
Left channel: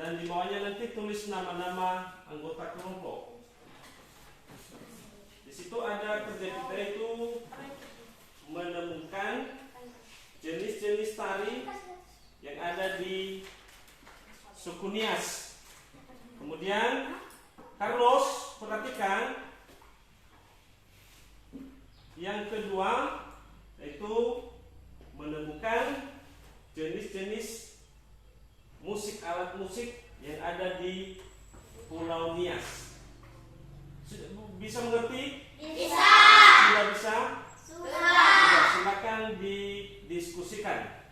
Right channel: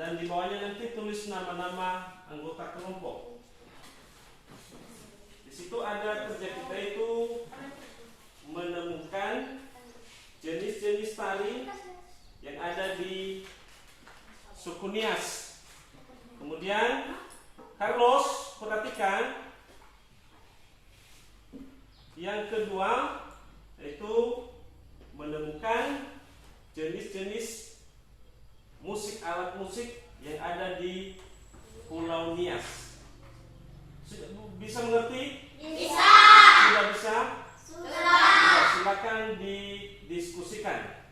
Dan di bawahnya nanti tulis nama-nama anggota kelompok. Di situ ada kerja kita itu menemukan jenis-jenis tari yang ada di suku Nias. Kemudian Carlos, perhatikan yang kedua yaitu menemukan jenis-jenis musik, alat musik yang ada di Pulau Nias. Bisa mengerti? Bisa. Sudah bisa? Sudah. Silakan didiskusikan.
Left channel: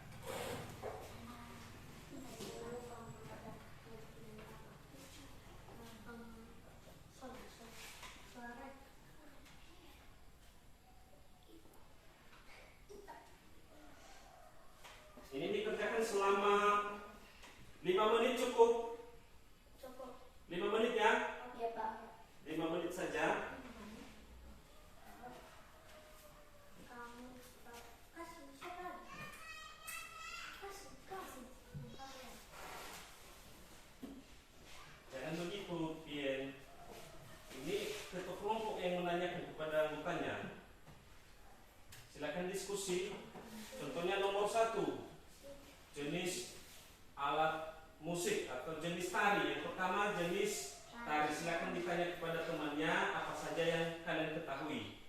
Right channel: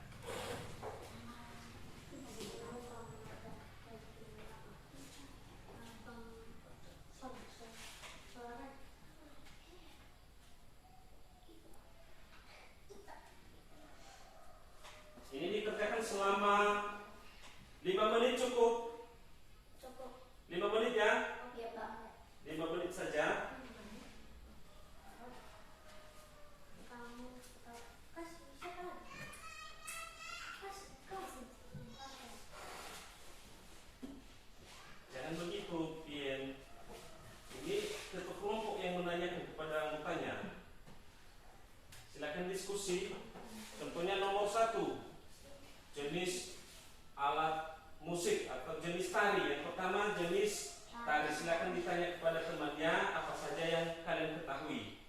Ini dikerjakan selama 5 menit cukup? 5 menit ya? Ya, Pak. 5 menit saja. Jangan begitu, Tien. Ini ketua kelompok yang menanyakan kepada anggotanya. Silakan diskusi. Contohnya nomor 1, jenis alat musik atau jenis tari. Yang pertama jenis tari. Silakan ditanya kepada temannya apa saja yang kalian ketahui.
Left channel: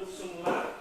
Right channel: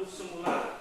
duduk semula.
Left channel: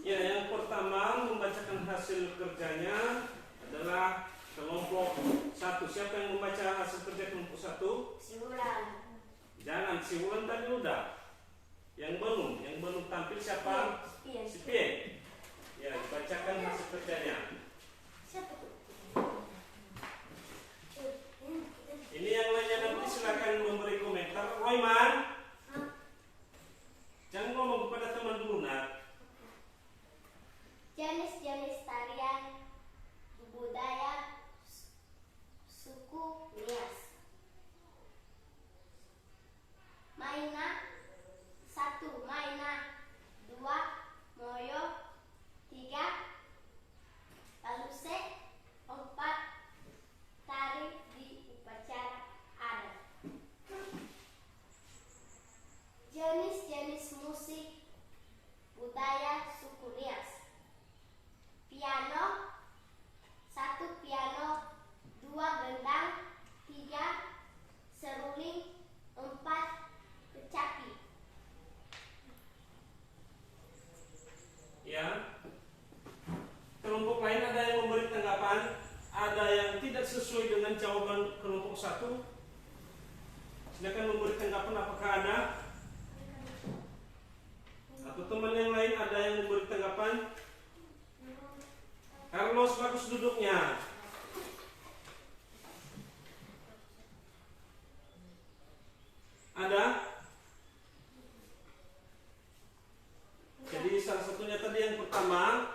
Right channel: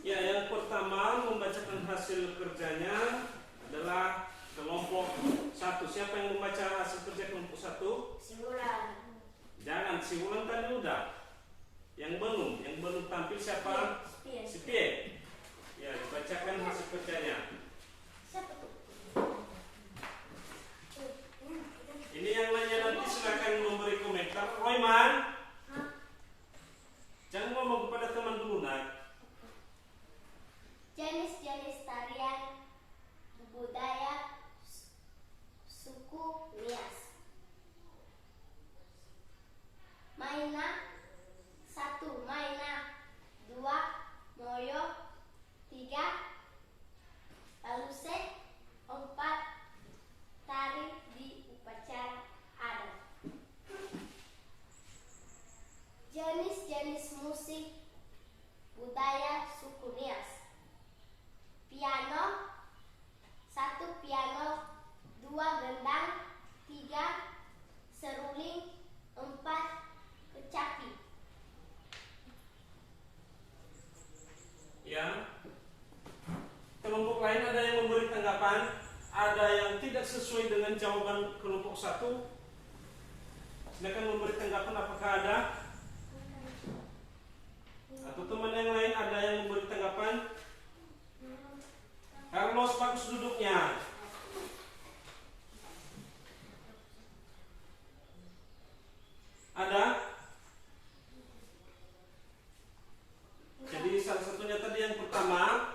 Ya, yang pertama membacakan hasil kerjanya adalah kelompok 1. Siapa yang membaca hasil kerja kelompok 1? Simulan. Jangan, si Wulan tadi udah. Yang belum tampil siapa? Si Pien. Ya, bacakan hasil kerjanya. Ini yang lainnya nanti silakan memberi komentar. Royman, jangan ngomong kepada teman dulu, nak. Jenis-jenis tarian budaya suku Nias. Maina 1. Maina 2. Moyo 3. Paluse 4. Tari di upacara adat. Jenis-jenis musik budaya suku Nias. Piano 1. Piano 2. Gendang 3. Seruling 4. Kecapi. Ya. Kelompok lain ada yang memberi tanggapan, ada yang tidak sesuai dengan jawaban kelompok 1. Silakan memberi tanggapan apakah ada? Atau teman yang lain ada yang memberi tanggapan? Carlos, bagus duduknya. Ada? Jadi salah satunya tadi yang pertama,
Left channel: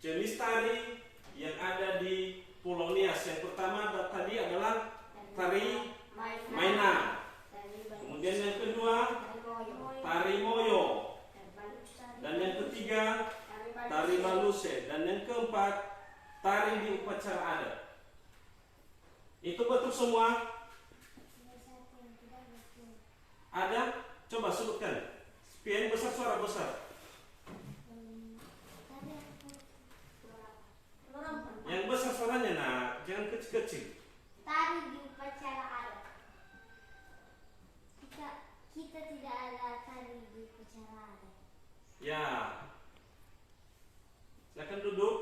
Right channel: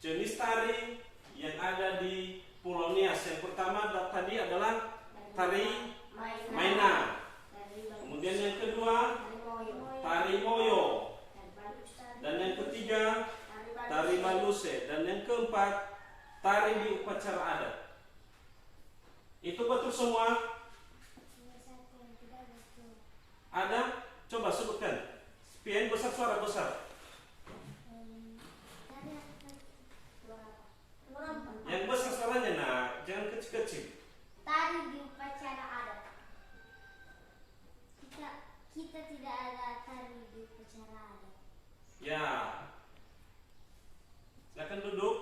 jenis tari yang ada di Pulau Nias. Yang pertama tadi adalah tari Maina. Kemudian yang kedua, tari Moyo. Dan yang ketiga, tari Baluse. Dan yang keempat, tari di upacara adat. Itu betul semua? Ada? Coba sebutkan. Pian besar, suara besar. Yang besar suaranya, nah, jangan kecil-kecil. Tari di upacara adat. Kita tidak ada tari di upacara adat. Ya. Silakan duduk.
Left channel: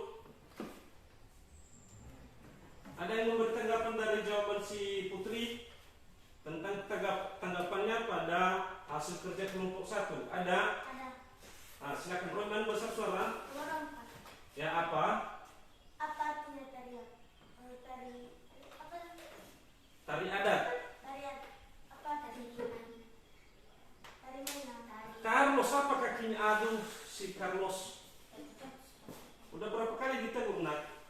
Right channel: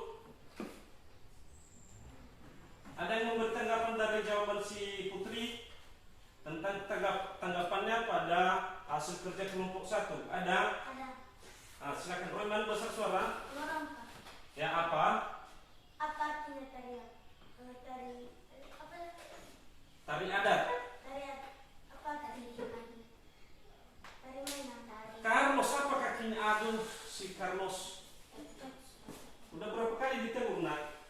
Ada yang memberi tanggapan dari jawaban si Putri tentang tanggapannya pada hasil kerja kelompok 1? Ada? Ada. Nah, silakan Roman besar suara. Ya, apa? Apa artinya tarian? Tari apa? Tari adat. Tarian apa tari mana? Tari mana? Carlos, apa kakinya? Aduh, si Carlos. Udah berapa kali ditegur, nak?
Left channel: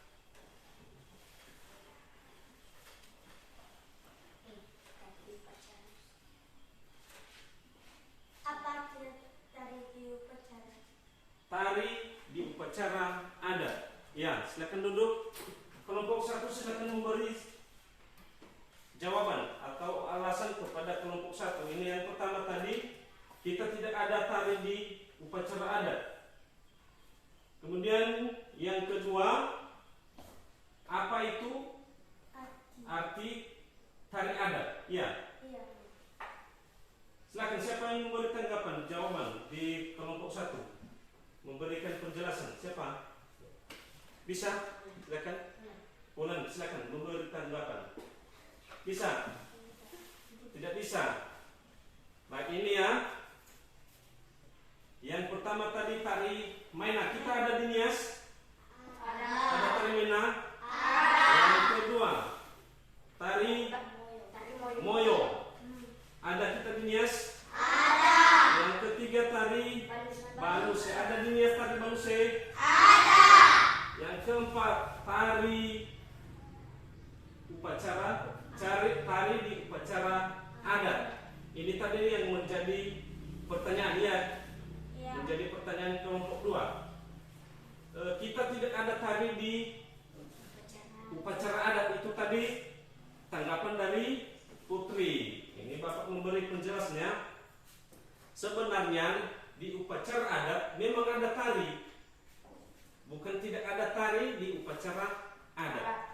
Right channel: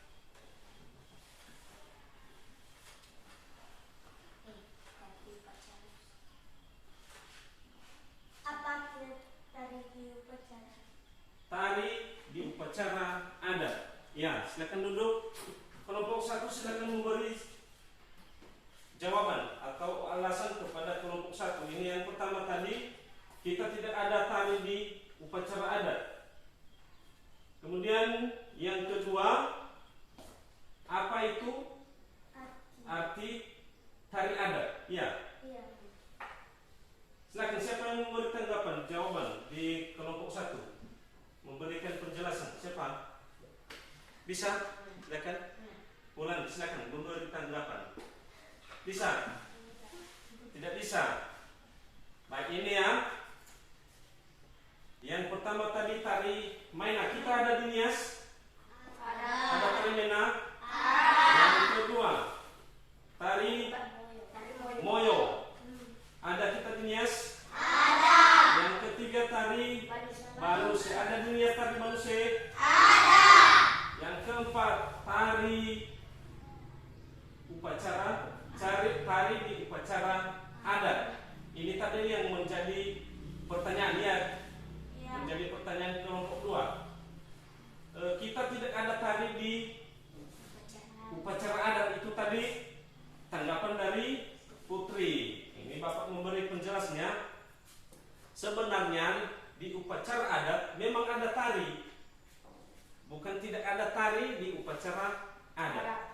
Apa artinya tari di upacara? Tari di upacara adat. Ya, silakan duduk. Kelompok 1 silakan memberi jawaban atau alasan kepada kelompok 1. Ini yang pertama tadi, kita tidak ada tari di upacara adat. Kemudian yang kedua, apa itu arti tari adat? Ya. Iya. Silakan, siapa yang memberi tanggapan, jawaban di kelompok 1? Memberikan penjelasan, siapa? Bisa? Silakan. Ulang, silakan memberi tanggapan. Bisa? Tidak bisa? Baik, ini ya. Yang pertama tadi tari Maina. Kita ada di Nias? Ada tari Maina? Yang kedua, tari Moyo. Ada kita di Nias? Yang ketiga tari Baluse. Ada di Nias tari Baluse? Yang keempat, tari upacara, tari di upacara adat. Ini tadi yang menjadi pertanyaan ya, menjadi pertanyaan kelompok 2. Kita tidak ada tari di upacara adat, itu tadi tanggapan dari Putri. Ini Bapak memberi penjelasnya. Sebenarnya di upacara adat memang ada tari, bukan tidak ada tari di upacara adat.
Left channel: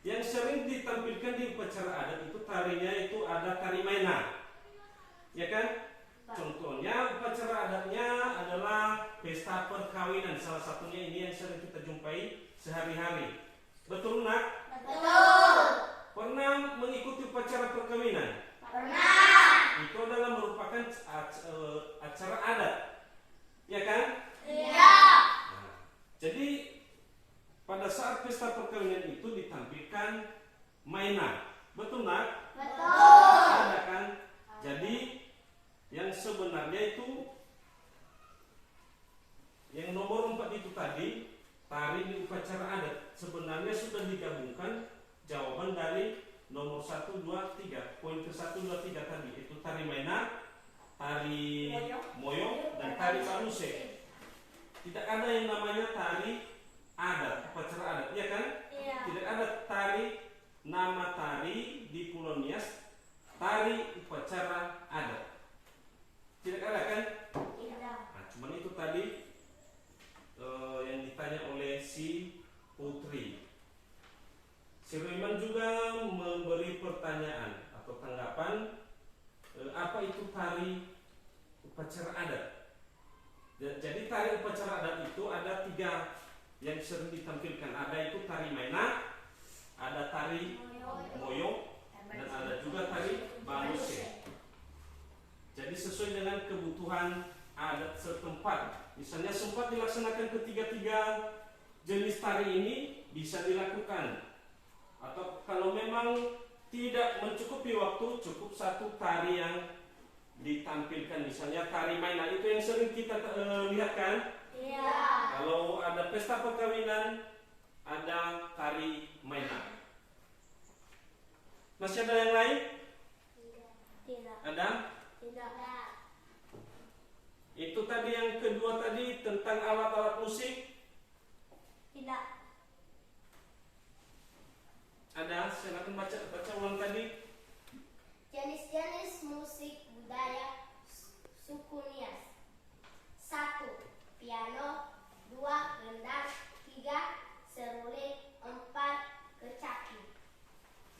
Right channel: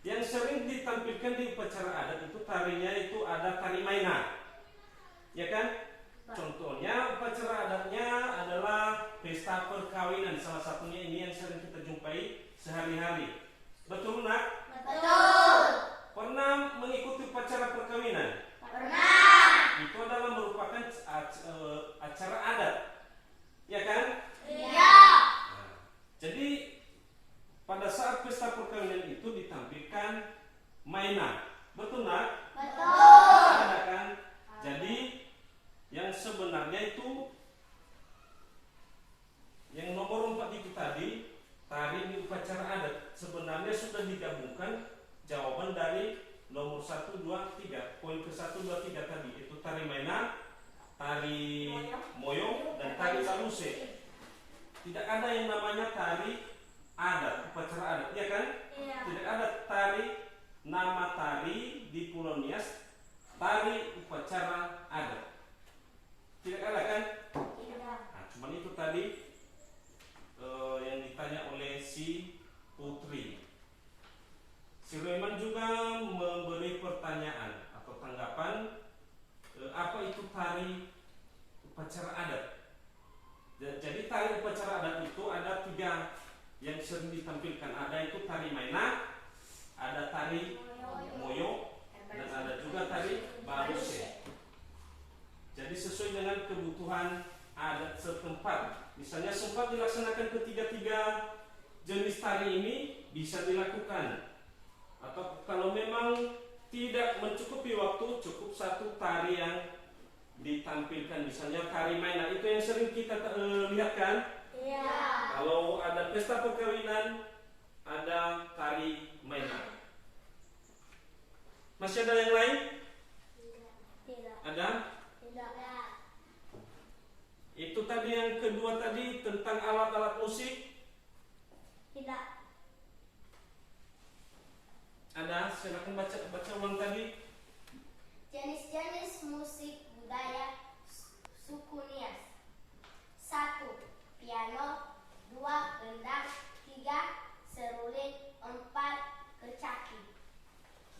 Yang sering ditampilkan di upacara adat itu tarinya itu ada tari maina, ya kan? Contohnya upacara adatnya adalah pesta perkawinan, salah satunya ini yang sering kita jumpai sehari-hari. Betul nak? Betul. Pernah mengikuti upacara perkawinan? Pernah. Itu adalah merupakan acara adat, ya kan? Iya. Nah, jadi pada saat pesta perkawinan itu ditampilkan mainan, betul nak? Betul. Ada kan? Jadi yang sebenarnya itu yang nomor 4 itu tadi tari di upacara adat sebenarnya sudah digabungkan jawaban dari nomor 1, 2, 3. Poin ke 1, 2, 3 tadi itu tari mainan, tari moyong, dan tari saluse. Tidak ada yang namanya tari adat, upacara adat, ya kan? Iya. Tidak ada tari, nama tari di Pulau Nias, tari upacara adat. Tidak ada kan? Tidak. Nah, cuman itu tadi yang ditanya oleh si Putri. Si Royman juga memberi pertanyaan atau tanggapan, apa itu tari upacara adat? Jadi tari upacara adat itu ada 3 yang sering ditampilkan. Ada itu tari maina, ada tari moyong, dan ada juga tari baluse. Jadi sesuai dengan kebutuhan adat setempat. Misalnya sempat dilaksanakan ketiga-tiga jenis tari ini bisa dilakukan. Atau kalau memang tidak mencukupi waktu, cukup 1 tari yang ditampilkan. Misalnya tari maina, itu yang sering kita lihat kan? Iya. Kalau ada pesta perkawinan, ada tari maina. Masih ada yang lain? Tidak. Ada? Tidak. Itu tadi yang kedua tadi tentang alat-alat musik. Tidak. Ada? Silakan baca ulang tadi. Jenis-jenis musik budaya suku Nias. 1. Piano. 2. Gendang. 3. Seruling. 4. Kecapi.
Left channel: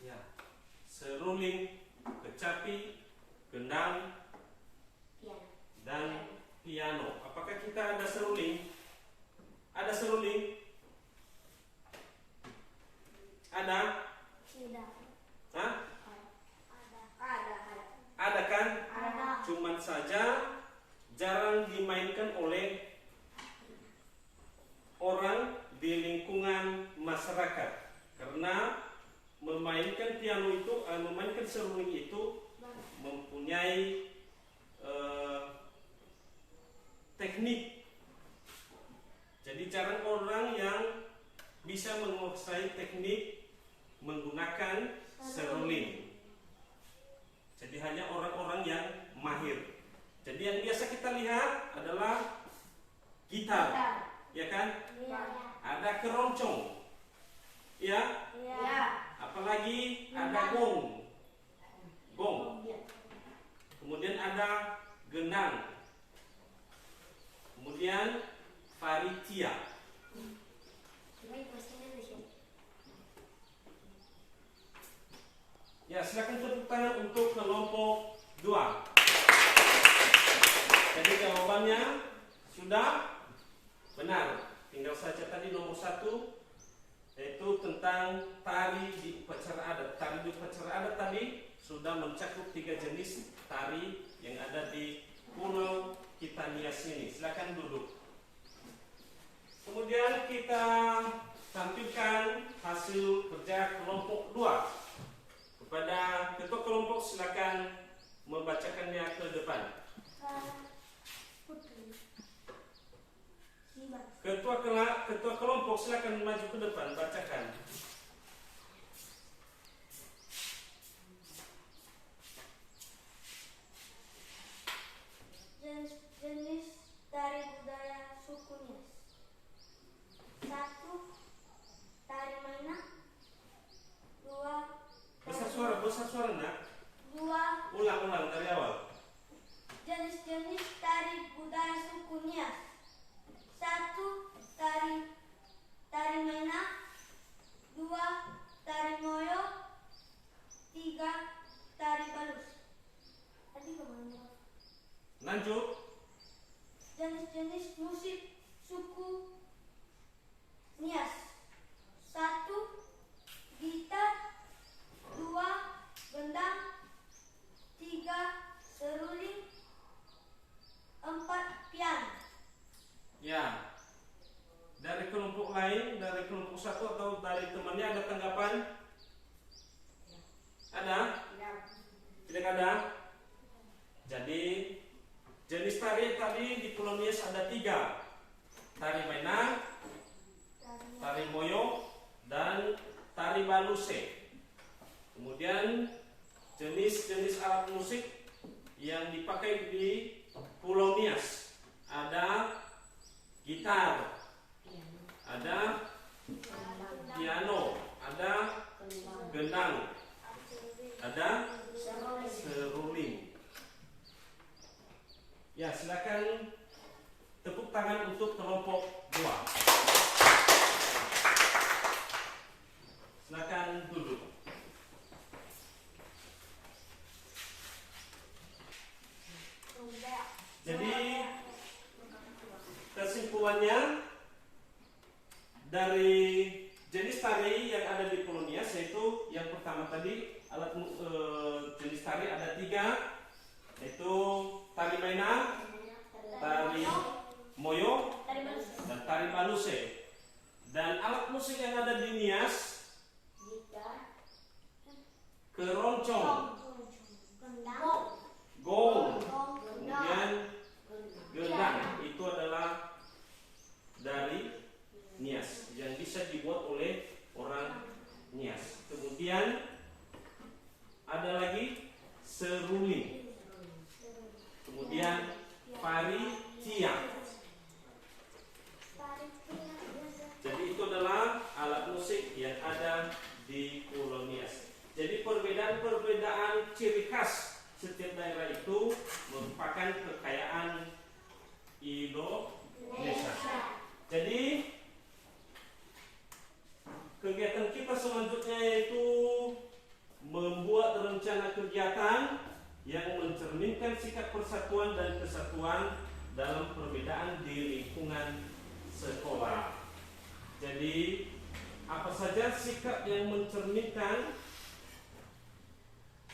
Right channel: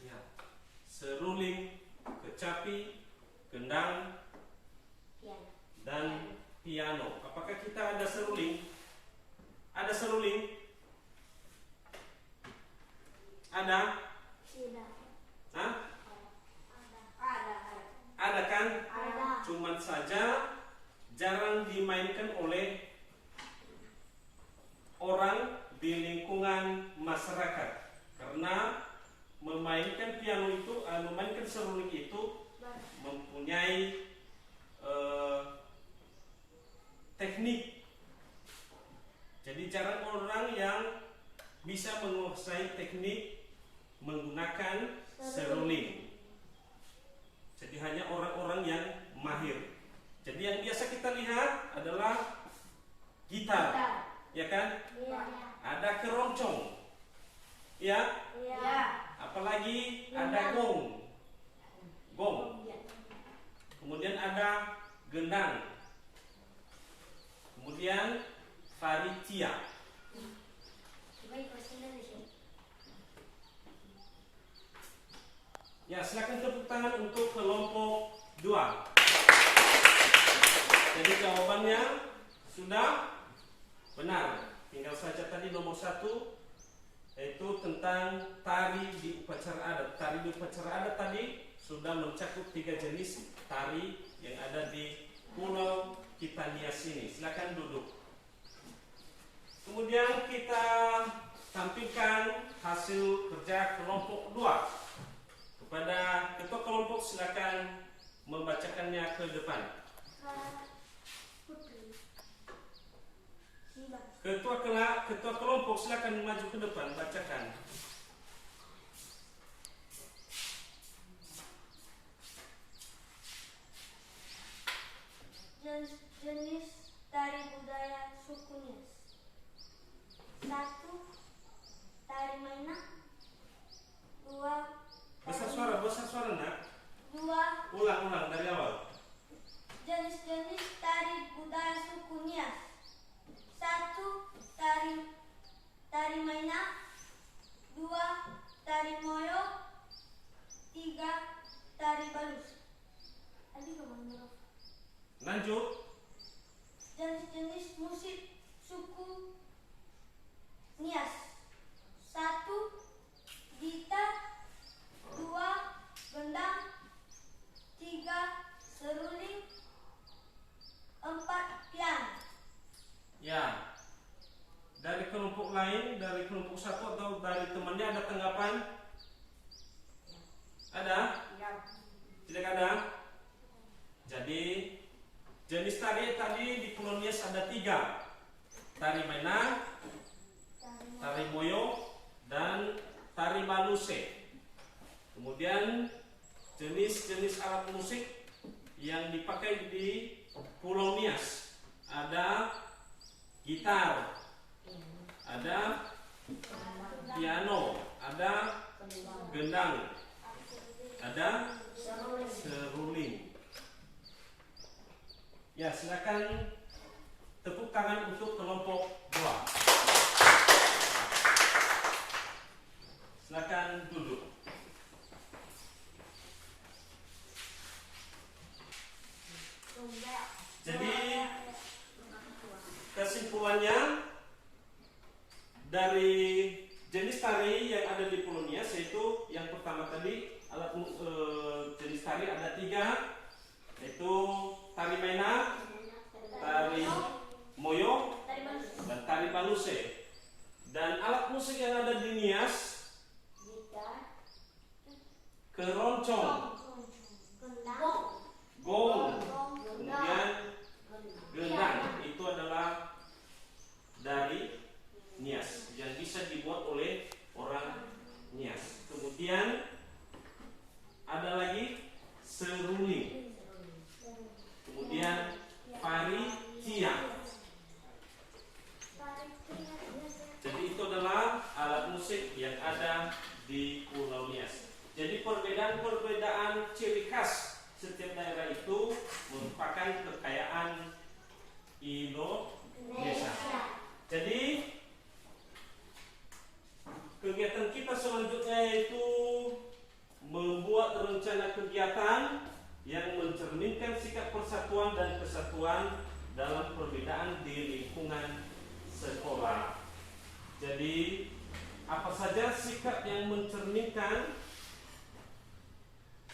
Ya. Seruling, kecapi, gendang, Piano. dan piano. Apakah kita ada seruling? Ada seruling? Ada? Tidak. Hah? Ada. Ada kan? Ada. Cuman saja jarang dimainkan oleh orang di lingkungan masyarakat, karena memainkan piano itu, memainkan seruling itu mempunyai teknik. Jadi jarang orang yang bisa menguasai teknik menggunakan seruling. Jadi hanya orang-orang yang mahir. Jadi yang biasa kita lihat adalah gitar, ya kan? Iya. Ada keroncong, ya. Iya. Apalagi ada gong. Kemudian ada gendang. Kemudian paritia. Ya, silakan tepuk tangan untuk kelompok 2. Jadi jawabannya sudah benar. Tinggal saja tadi nomor 1, yaitu tentang tari di upacara adat. Tari di upacara adat tadi sudah mencakup 3 jenis tari yang ada di Pulau kita Nias ini. Silakan duduk. Kemudian kita tampilkan hasil kerja kelompok 2. Kepada ketua kelompok silakan membacakannya ke depan. Ketua kelompok silakan maju ke depan, bacakan. Ulang dari awal. Jenis-jenis tari budaya suku Nias. 1. Tari Mainak. 2. Tari Moyo. 3. Tari Balus. Lanjut. Jenis-jenis musik suku Nias. 1. Gitar. 2. Gendang. 3. Seruling. 4. Piano. Ya. Dari kelompok lain, dari kelompok satu atau dari temannya ada tanggapan? Ada? Tidak ada? Jadi jenis tari tadi di Pulau Nias ada 3. Tari Mainak, tari Moyo, dan tari Baluse. Kemudian jenis-jenis alat musik yang dipakai di Pulau Nias ada gitar, ada piano, ada gendang, ada seruling. Ya, silakan tepuk tangan untuk kelompok 2. Silakan duduk. Jadi kesimpulannya dari jenis tari yang ada di Pulau Nias, yaitu yang pertama tadi alat jenis tari ada 3, yaitu tari Mainak, tari Moyo, dan tari Baluse. Dan alat musik yang ada di Nias, keroncong, gong, kemudian gendang. Itu adalah dari Nias yang bisa dibuat oleh orang Nias. Kemudian ada lagi seruling, kemudian pariciang. Jadi itu adalah alat musik yang ada di Pulau Nias. Jadi perbedaan-perbedaan ciri khas setiap daerah itu merupakan kekayaan Indonesia. Jadi kegiatan kita selanjutnya yaitu membuat rencana kegiatan yang mencerminkan sikap persatuan dan kesatuan dalam perbedaan di lingkungan sekolah. Jadi apa saja sikap yang mencerminkan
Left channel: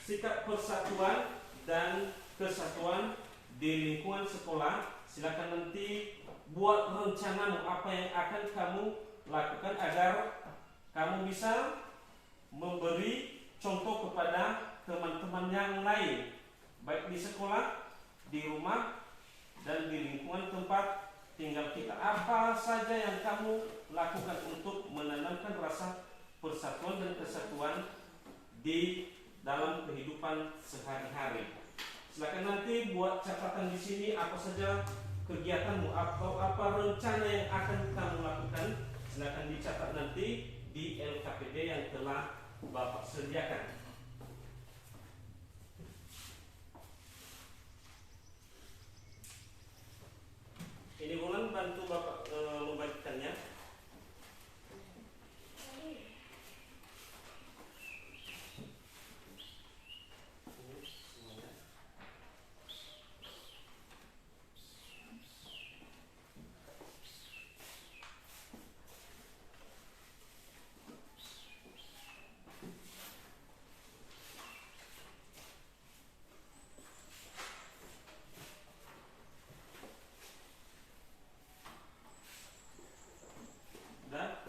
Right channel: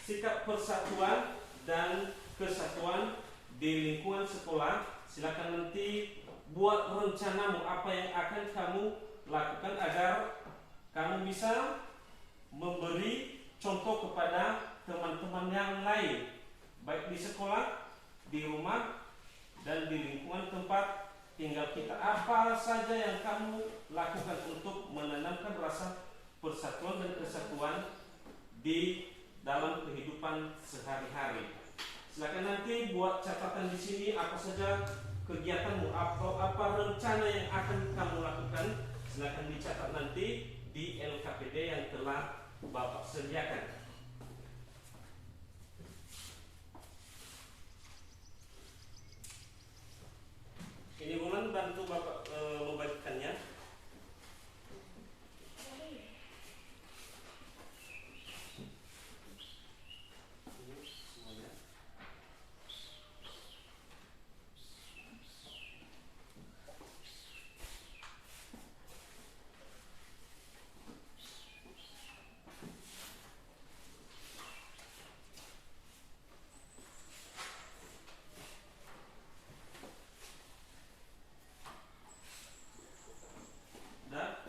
sikap persatuan dan kesatuan di lingkungan sekolah? Silakan nanti buat rencanamu apa yang akan kamu lakukan agar kamu bisa memberi contoh kepada teman-teman yang lain, baik di sekolah, di rumah, dan di lingkungan tempat tinggal kita. Apa saja yang kamu lakukan untuk menanamkan rasa persatuan dan kesatuan di dalam kehidupan sehari-hari. Silakan nanti buat catatan di sini apa saja kegiatanmu atau apa rencana yang akan kamu lakukan. Silakan dicatat nanti di LKPD yang telah Bapak sediakan. Ini Bulan bantu Bapak membagikannya.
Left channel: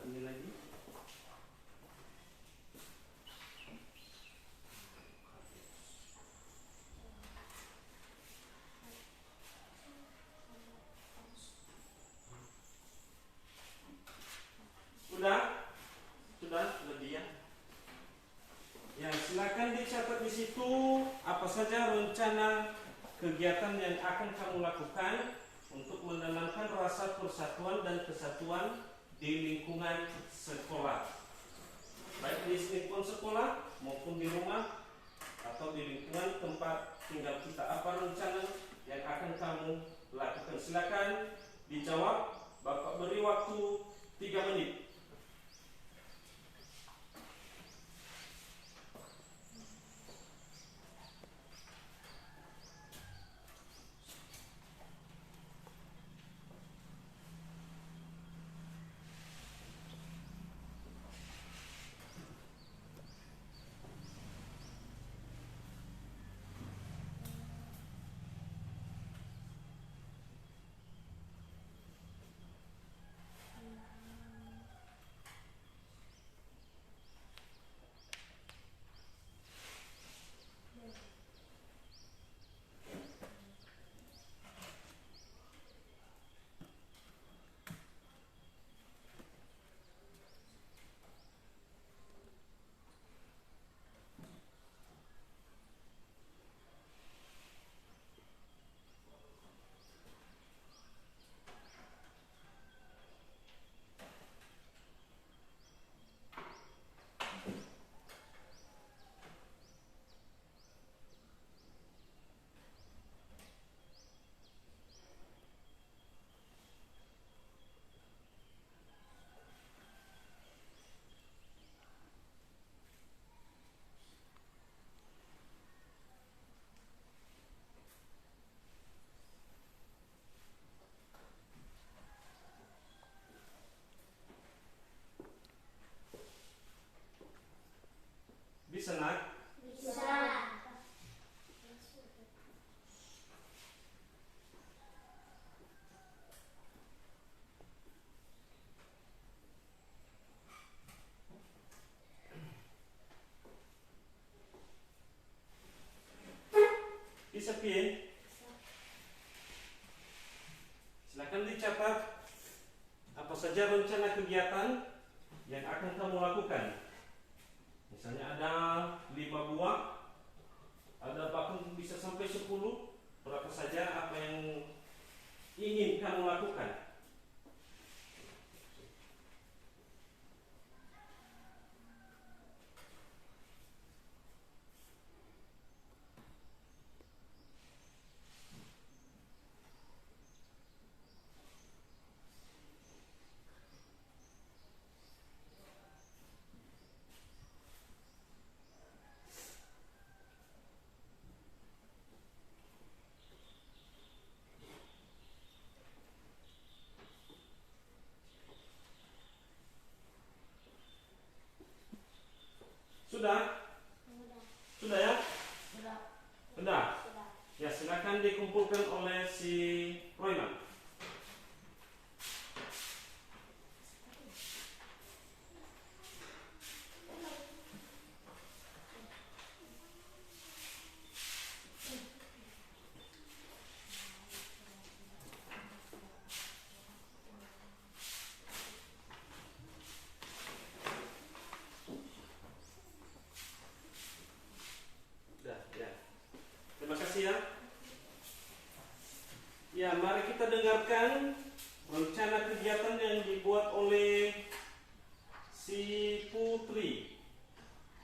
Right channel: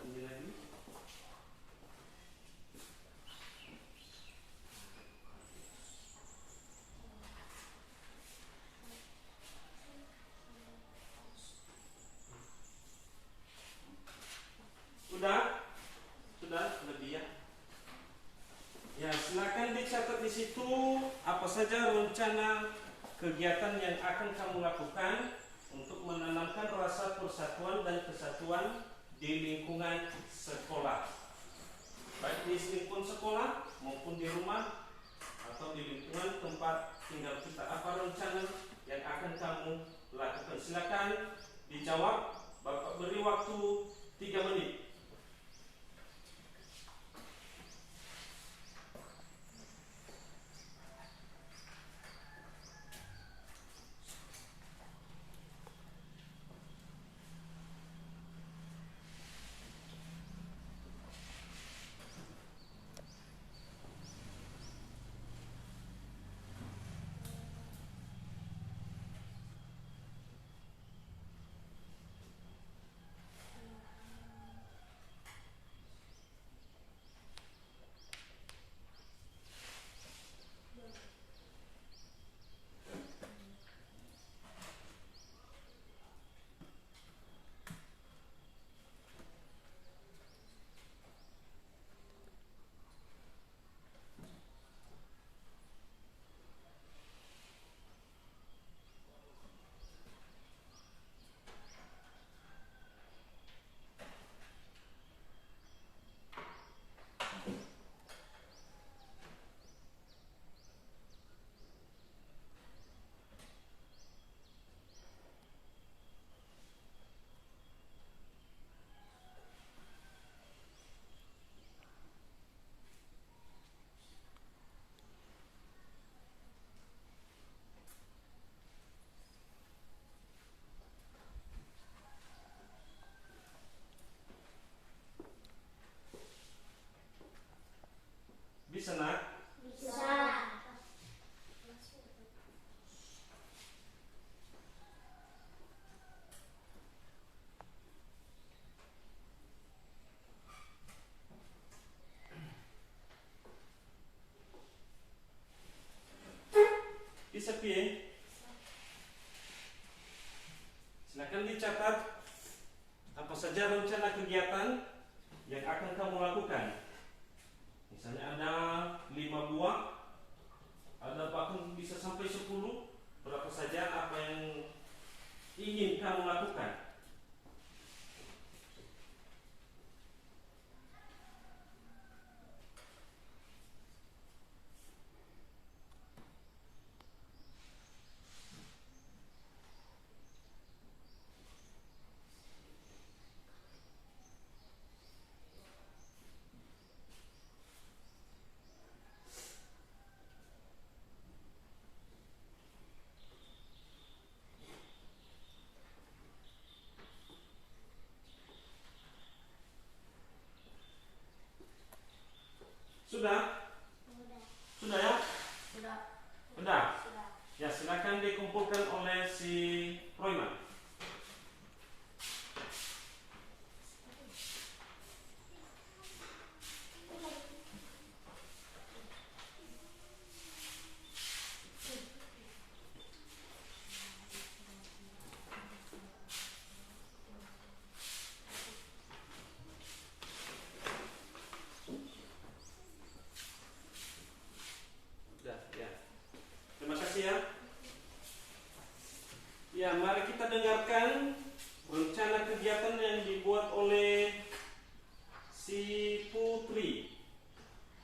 Ini lagi. Sudah lebih ya. Ya, silakan dicatat di situ apa saja rencana kegiatan yang akan kamu lakukan untuk menanamkan rasa persatuan dan kesatuan di lingkungan sekolah, baik di lingkungan sekolah maupun di rumah atau di lingkungan tempat cepat, tinggal kita apa rencana yang akan kamu lakukan. Silakan dijawab. Bapak beri waktu 3 menit. Bisa nak? Bisa. Bisa piye? Silakan dicatat apa saja rencana kegiatan yang akan kamu lakukan. Misalnya ada 5 buah, ada bahkan bisa sampai 10, berapa saja apa yang ingin kamu lakukan. Sudah? Sudah. Sudah ya? Sudah. Sudah? Sudah. Ya, silakan dikumpulkan oleh si Royman. Sudah, ya. Terima kasih ya. Ya, mari kita dengarkan rencana kegiatan yang dibuat oleh si Putri.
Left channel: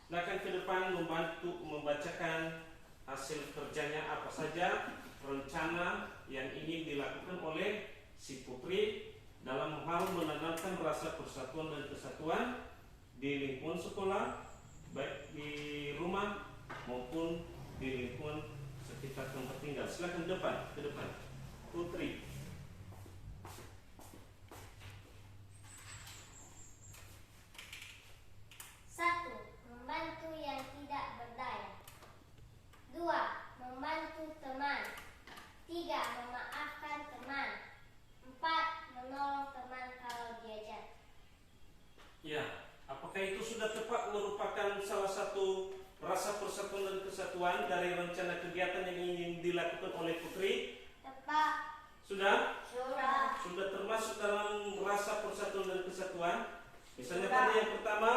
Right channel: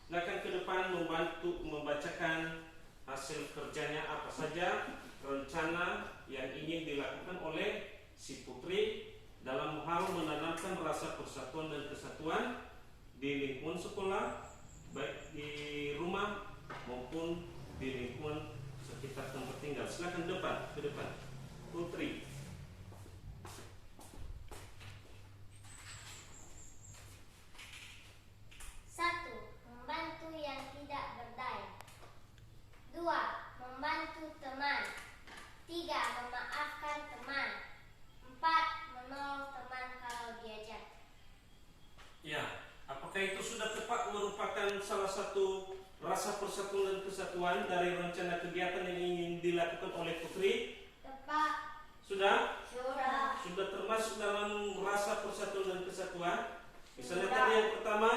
Silakan ke depan membantu membacakan hasil kerjanya apa saja, rencana yang ingin dilakukan oleh si Putri dalam hal menanamkan rasa persatuan dan kesatuan di lingkungan sekolah, baik di rumah maupun di lingkungan sekitar tempat tinggal. Silakan ke depan, Putri. Satu, membantu yang tidak berdaya. 2, membantu teman. 3, memaafkan teman. 4, menolong teman kalau diajak. Ya, apakah itu sudah tepat merupakan salah satu rasa persatuan dan kesatuan dari rencana kegiatan yang ingin dilakukan oleh Putri? Tepat. Sudah? Sudah. Sudah termasuk dalam rasa persatuan dan kesatuan? Misalnya Sudah. tadi yang pertama,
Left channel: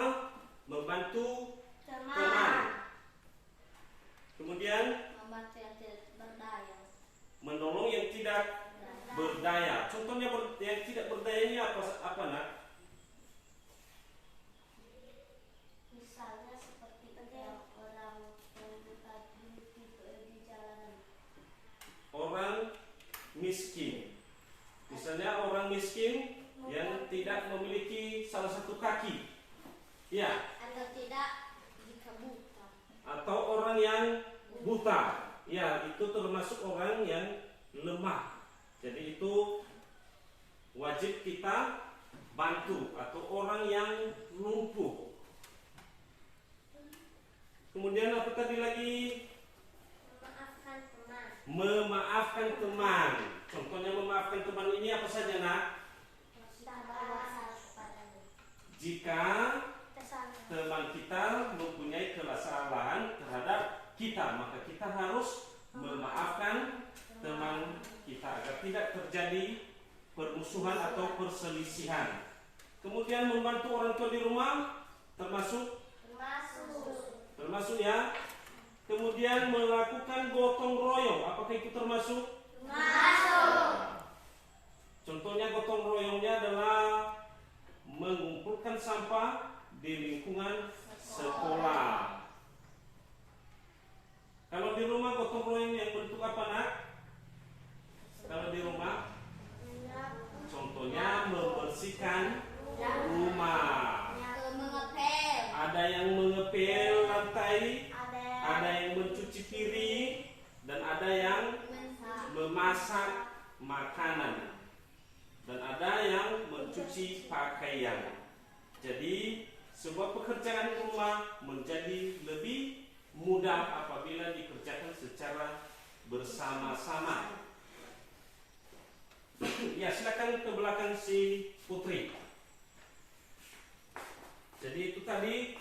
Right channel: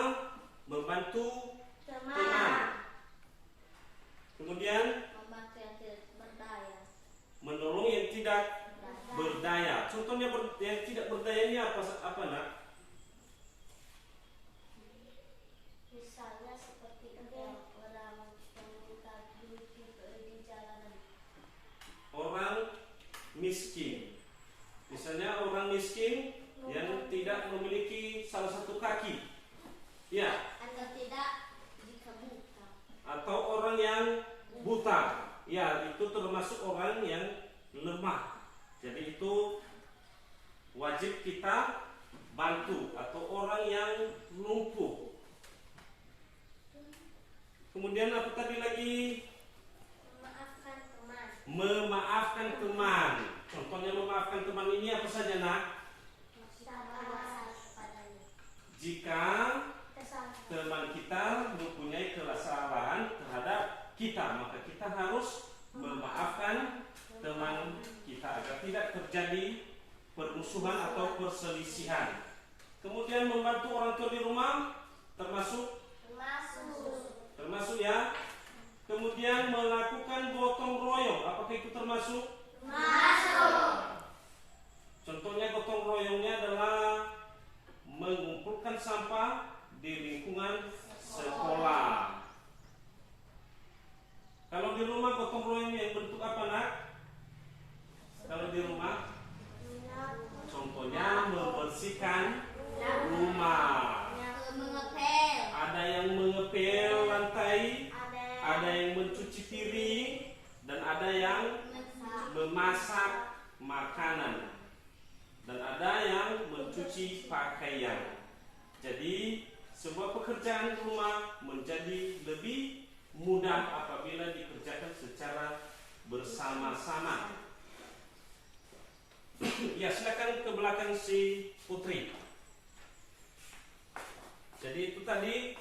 membantu teman. Kemudian, Membantu yang tidak berdaya. menolong yang tidak berdaya. Contohnya yang tidak berdayanya apa nak? Misalnya seperti yang orang yang minta duit di miskin. Misalnya orang miskin yang tidak memiliki salah satu kaki, ya, Atau tidak jika buta. atau orang yang buta, ya, itu termasuk orang yang lemah. Jadi itu wajib kita bantu, atau orang yang lumpuh. Kemudian apa tadi lagi? Memaafkan teman. Memaafkan teman. Contohnya memaafkan teman ini apa saja, nak? Sabar kepadanya. Jika teman kita mempunyai kesalahan terhadap kita, maka kita harus memaafkan teman kita agar tidak terjadi permusuhan atau perselisihan. Kemudian membantu orang tua di rumah termasuk ya. Kemudian melakukan gotong royong, apakah itu termasuk? Contohnya gotong royongnya adalah mengumpulkan sampah di lingkungan sekolah. Kalau di rumah gotong royong yang bentuk apa, nak? Kalau di rumah, contohnya membersihkan rumah. Mengepel. Ada yang mengepel lantai, ada yang mencuci piring, dan ada yang memasak makanan, dan ada yang mencuci pakaian. Jadi sebuah pekerjaan rumah menjadi lebih mudah apabila dikerjakan secara bersama-sama. Ya, silakan ke belakang si Putri. Jadi itu tadi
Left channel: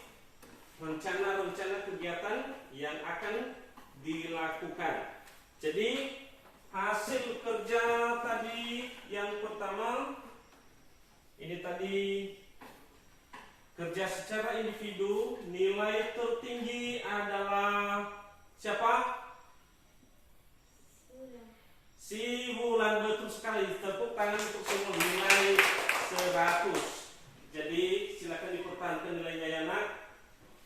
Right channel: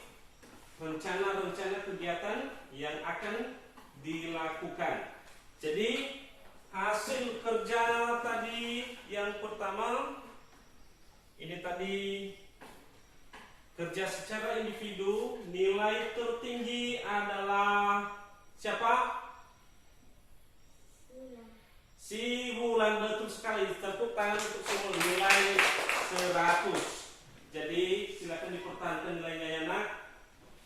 rencana-rencana kegiatan yang akan dilakukan. Jadi hasil kerja tadi yang pertama, ini tadi kerja secara individu, nilai tertinggi adalah siapa? Si Wulan, betul sekali. Tepuk tangan untuk semua, nilai 100. Jadi silakan dipertahankan nilainya, ya, nak.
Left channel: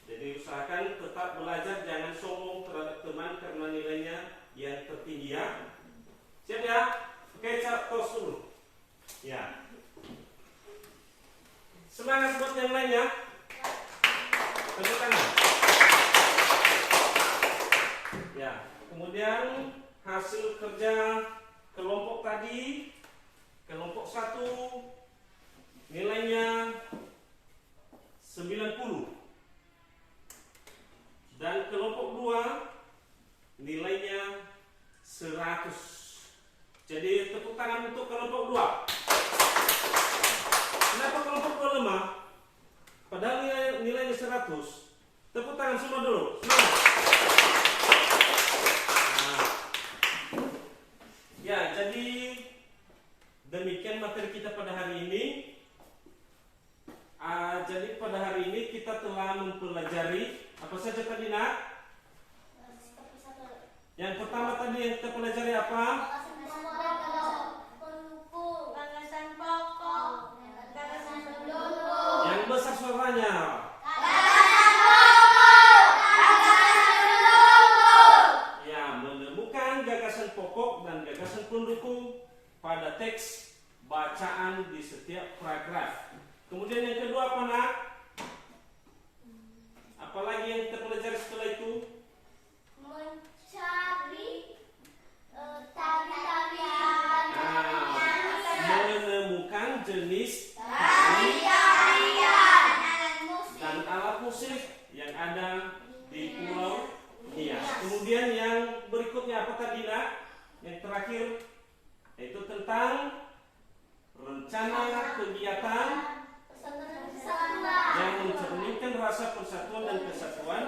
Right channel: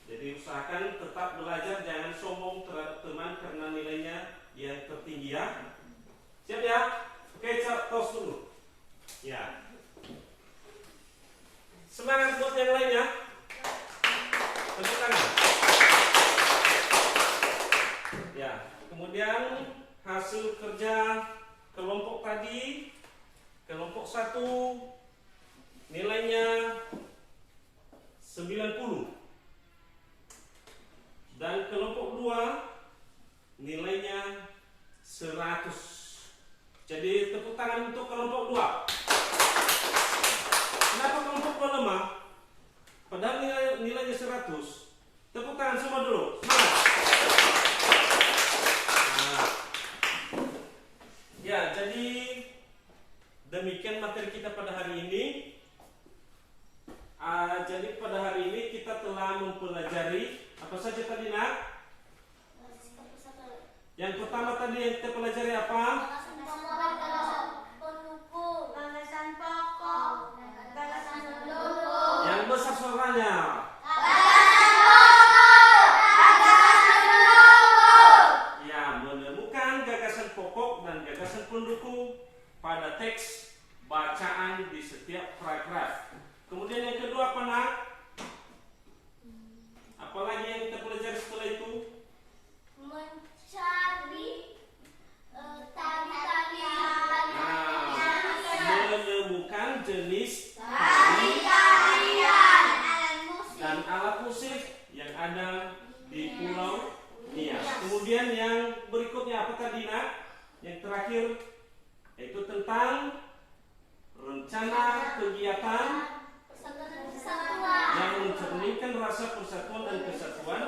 Jadi usahakan tetap belajar, jangan sombong terhadap teman karena nilainya yang tertinggi, ya. Siap, ya? Oke, tos dulu. Ya. Semangat buat yang lainnya. Tepuk tangan. Ya. Kemudian hasil kerja kelompok tadi, kelompok 1 nilainya 90, dan kelompok 2 nilainya 100. Jadi tepuk tangan untuk kelompok 2. Kenapa kelompok 2 lemah? Padahal nilainya 100. Tepuk tangan semua dulu. Semangat. Nah. Ya, jadi demikian materi kita pada hari ini. Jadi pada hari ini kita telah mempelajari apa saja tadi, nak? Yang pertama tadi yang kita pelajari apa? Gagasan pokok. Gagasan pendukung. Yang besar suaranya. Ya, menemukan gagasan pokok dan gagasan pendukung pada teks bacaan di setiap paragraf. Kemudian yang kedua apa, nak? Apalagi yang kita pelajari setelah itu? Mencari tari-tarian. Menemukan jenis Tarian. Alat musik. dan alat musik yang ada di Pulau Nias. Kemudian yang berikutnya apa tadi, nak? Yang terakhir yaitu tentang rencana kegiatan yang mencerminkan rasa persatuan dan kesatuan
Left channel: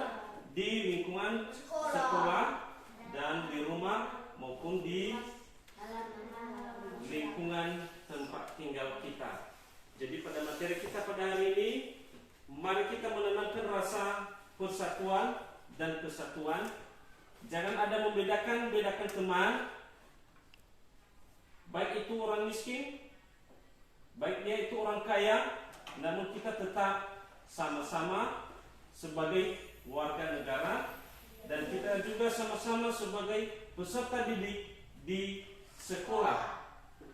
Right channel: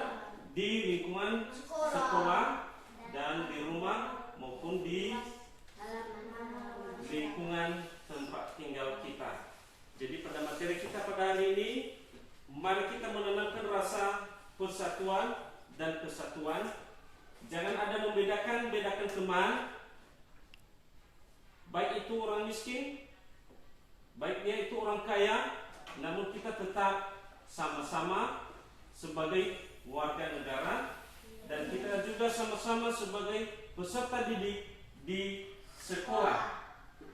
di lingkungan sekolah dan di rumah maupun di lingkungan tempat tinggal kita. Jadi pada materi kita pada hari ini, mari kita menanamkan rasa persatuan dan kesatuan. Jangan ada membedakan teman, baik itu orang miskin, baik dia itu orang kaya, namun kita tetap sama-sama sebagai warga negara, dan kita juga sama-sama sebagai peserta didik di sekolah.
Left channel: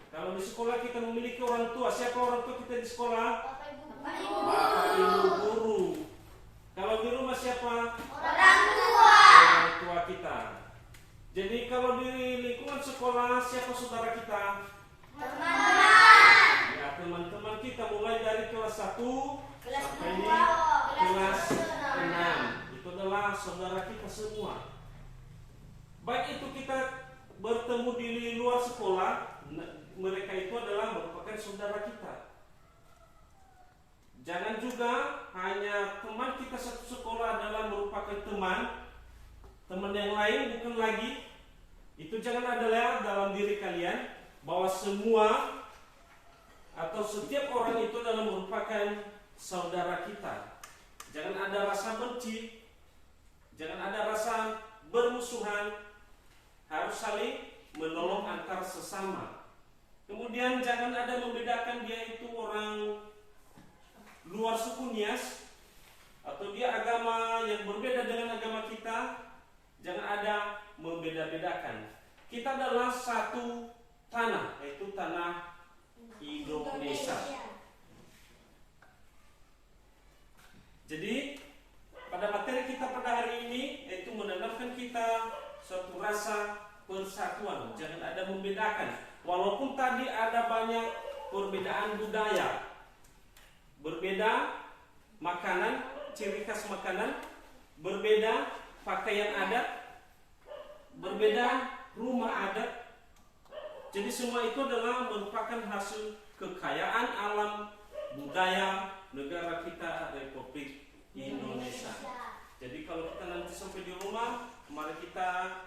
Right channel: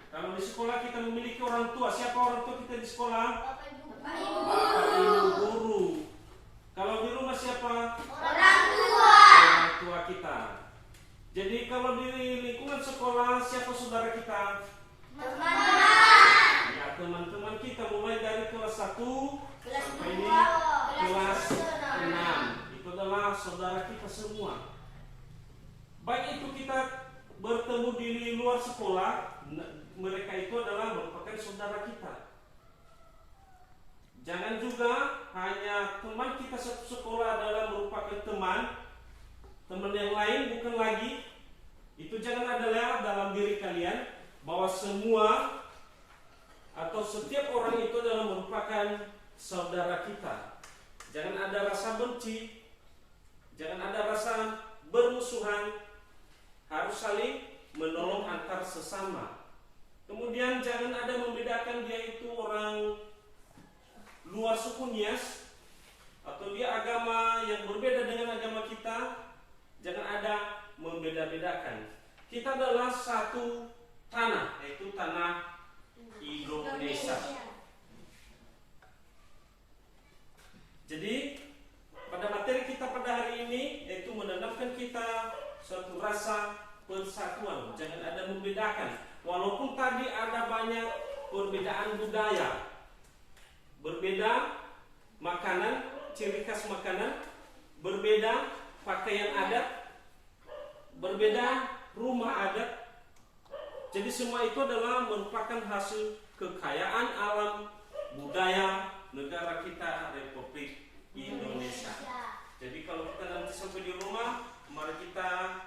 Kalau di sekolah kita memiliki orang tua. Siapa orang tua kita di sekolah? Bapak Ibu Bapak Ibu Bapak Ibu guru. Kalau di rumah siapa? orang tua. Orang tua kita. Jadi kalau di lingkungan sekolah siapa saudara kita? Teman-teman. Ya, teman-teman kita mulai dari kelas 1 Kelas sampai 2, kelas 6. Itu adalah saudara kita semua. Baik itu kita bertemu di luar sekolah, mereka itu adalah merupakan saudara kita. Jangan juga hanya teman kita satu sekolah adalah merupakan teman yang lain bukan lagi. Itu jangan ada lewat dalam diri kalian bahwa semua atau setiap orang itu adalah merupakan saudara kita. Jangan ada rasa benci, jangan ada rasa bermusuhan, harus saling menolong antar sesama. Kemudian jangan ada membedakan dia itu orang luar suku Nias atau dia agama yang berbeda dengan agama kita. Jangan ada membeda-bedakan. Kita adalah satu tanah, yaitu tanah Indonesia. Jadi pada materi kita pada hari ini yaitu menanamkan kita suatu rasa persatuan. Jangan ada membedakan. Walaupun tadi ada banyak perbedaan budaya, berbeda makanan, ciri khas makanan, berbeda pakaian adat, berbeda rumah adat. Jadi semua itu adalah merupakan hasil kekayaan alam budaya negara kita, Republik Indonesia. Jadi kalau kita nanti sampai di rumah, mari kita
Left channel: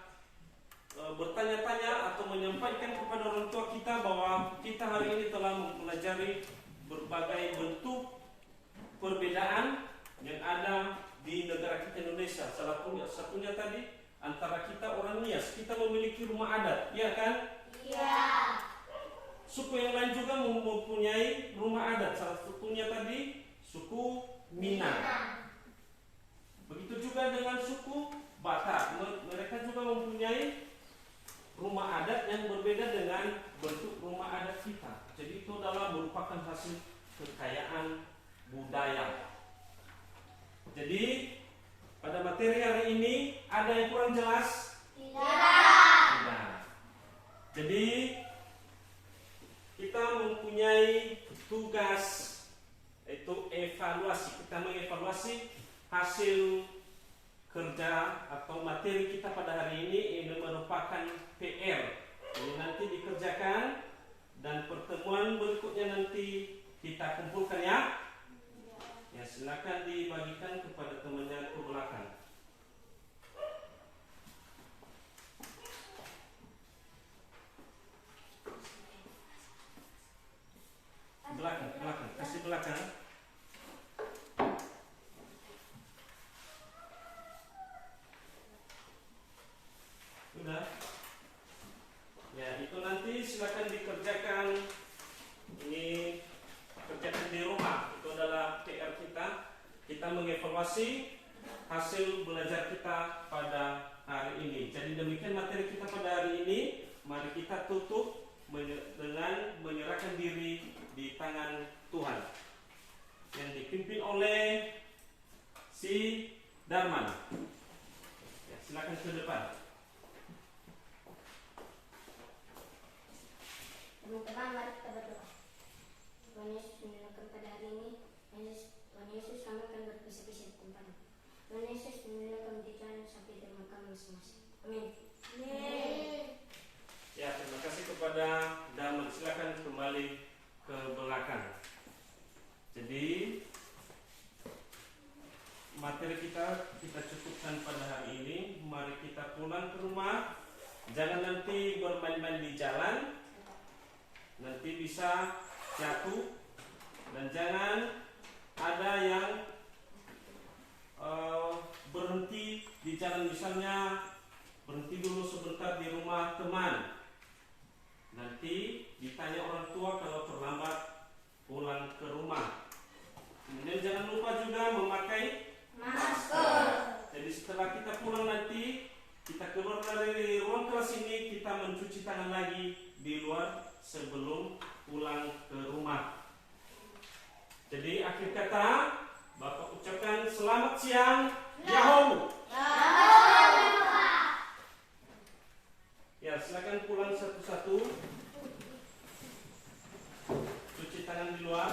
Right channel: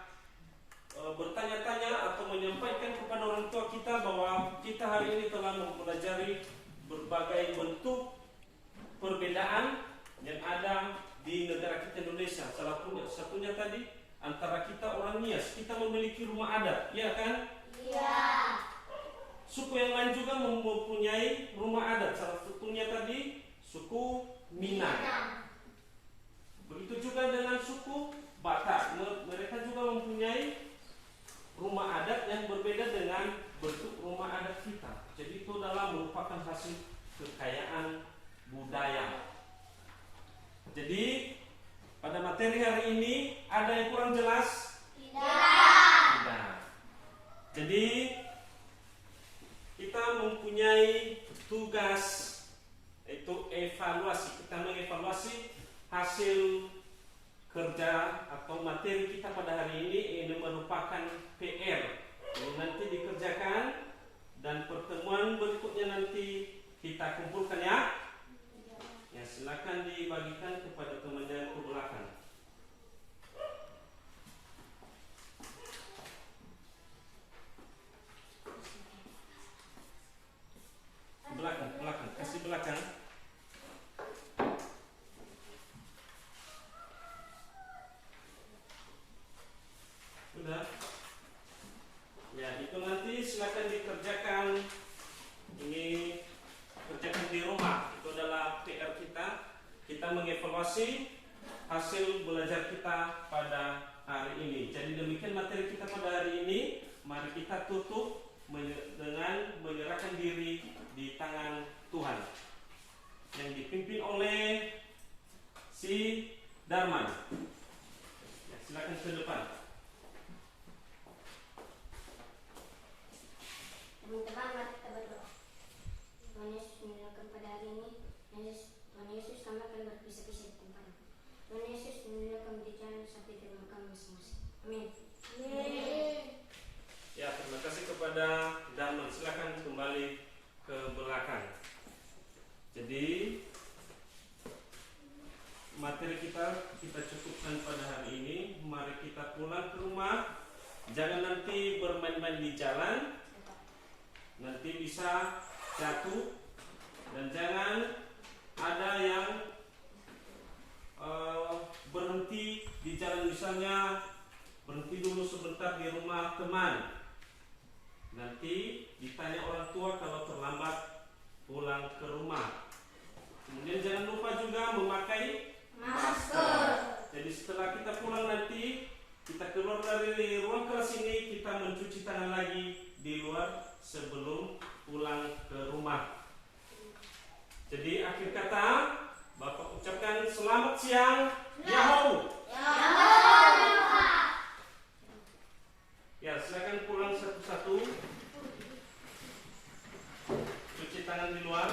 bertanya-tanya atau menyampaikan kepada orang tua kita bahwa kita hari ini telah mempelajari berbagai bentuk perbedaan yang ada di negara kita Indonesia. Salah satunya tadi antara kita orang Nias, kita memiliki rumah adat, ya kan? Iya. Suku yang lain juga mempunyai rumah adat. Salah satunya tadi suku Minang. Begitu juga dengan suku Batak. Mereka juga mempunyai rumah adat yang berbeda dengan bentuk rumah adat kita. Jadi itu adalah merupakan hasil kekayaan budaya. Jadi pada materi hari ini ada yang kurang jelas? Tidak. Jadi kita mempunyai tugas yaitu evaluasi. Kita mengevaluasi hasil kerja atau materi kita pada hari ini merupakan PR. Ini nanti dikerjakan dan pertemuan berikutnya nanti kita kumpulkan ya. Ya, silakan dibagikan kepada temannya ke belakang. Belakang, kasih belakang. Sudah. Ya, itu nanti silakan dikerjakan. Ini kerjakan di rumah. Itu adalah PR kita. Kita mengevaluasi hasil belajar kita pada hari ini. Jadi demikian materi kita pada hari ini. Mari kita tutup dengan menyerahkan diri di tangan Tuhan yang dipimpin oleh si Darman. Ya, silakan ke depan. Teman-teman, mari kita berdoa. Tuhan Yesus memulakan pada hari ini. Tuhan Yesus, kami akan berpisah-pisah di tempat ini. Tuhan Yesus memulakan di jalan sampai di rumah kami masing-masing. Amin. Ya, terima kasih kepada Darman. Silakan kembali ke belakang. Jadi materi kita cukupkan pada hari ini. Mari kita pulang ke rumah. Jangan nanti bermain-main di jalan, nanti bisa jatuh. Dan jangan ada yang berhenti di jalan, misalnya berhenti dulu sebentar di rumah teman. Nanti ditanya orang tua kalau terlambat pulang ke rumah. Kemudian jangan lupa juga memakai masker. Jadi setelah kita pulang nanti, kita keluar dari ruang kelas ini, kita mencuci tangan lagi di luar sebelum pulang ke rumah. Jadi akhir kata Bapak ucapkan selamat siang, Yahoo. Ya, silakan pulang satu-satu. Cuci tangan di luar.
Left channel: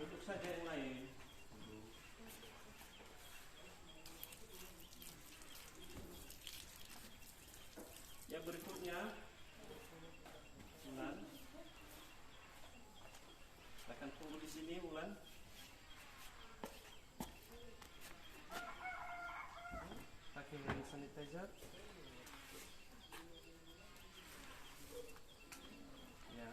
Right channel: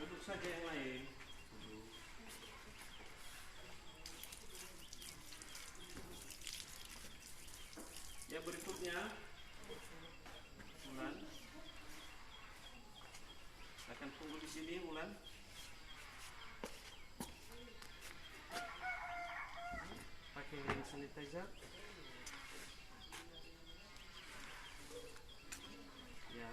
Duduk saja yang lain. Ya, berikutnya Mulan. Akan tunggu di sini, Mulan. Pakai hand sanitizer. Ya.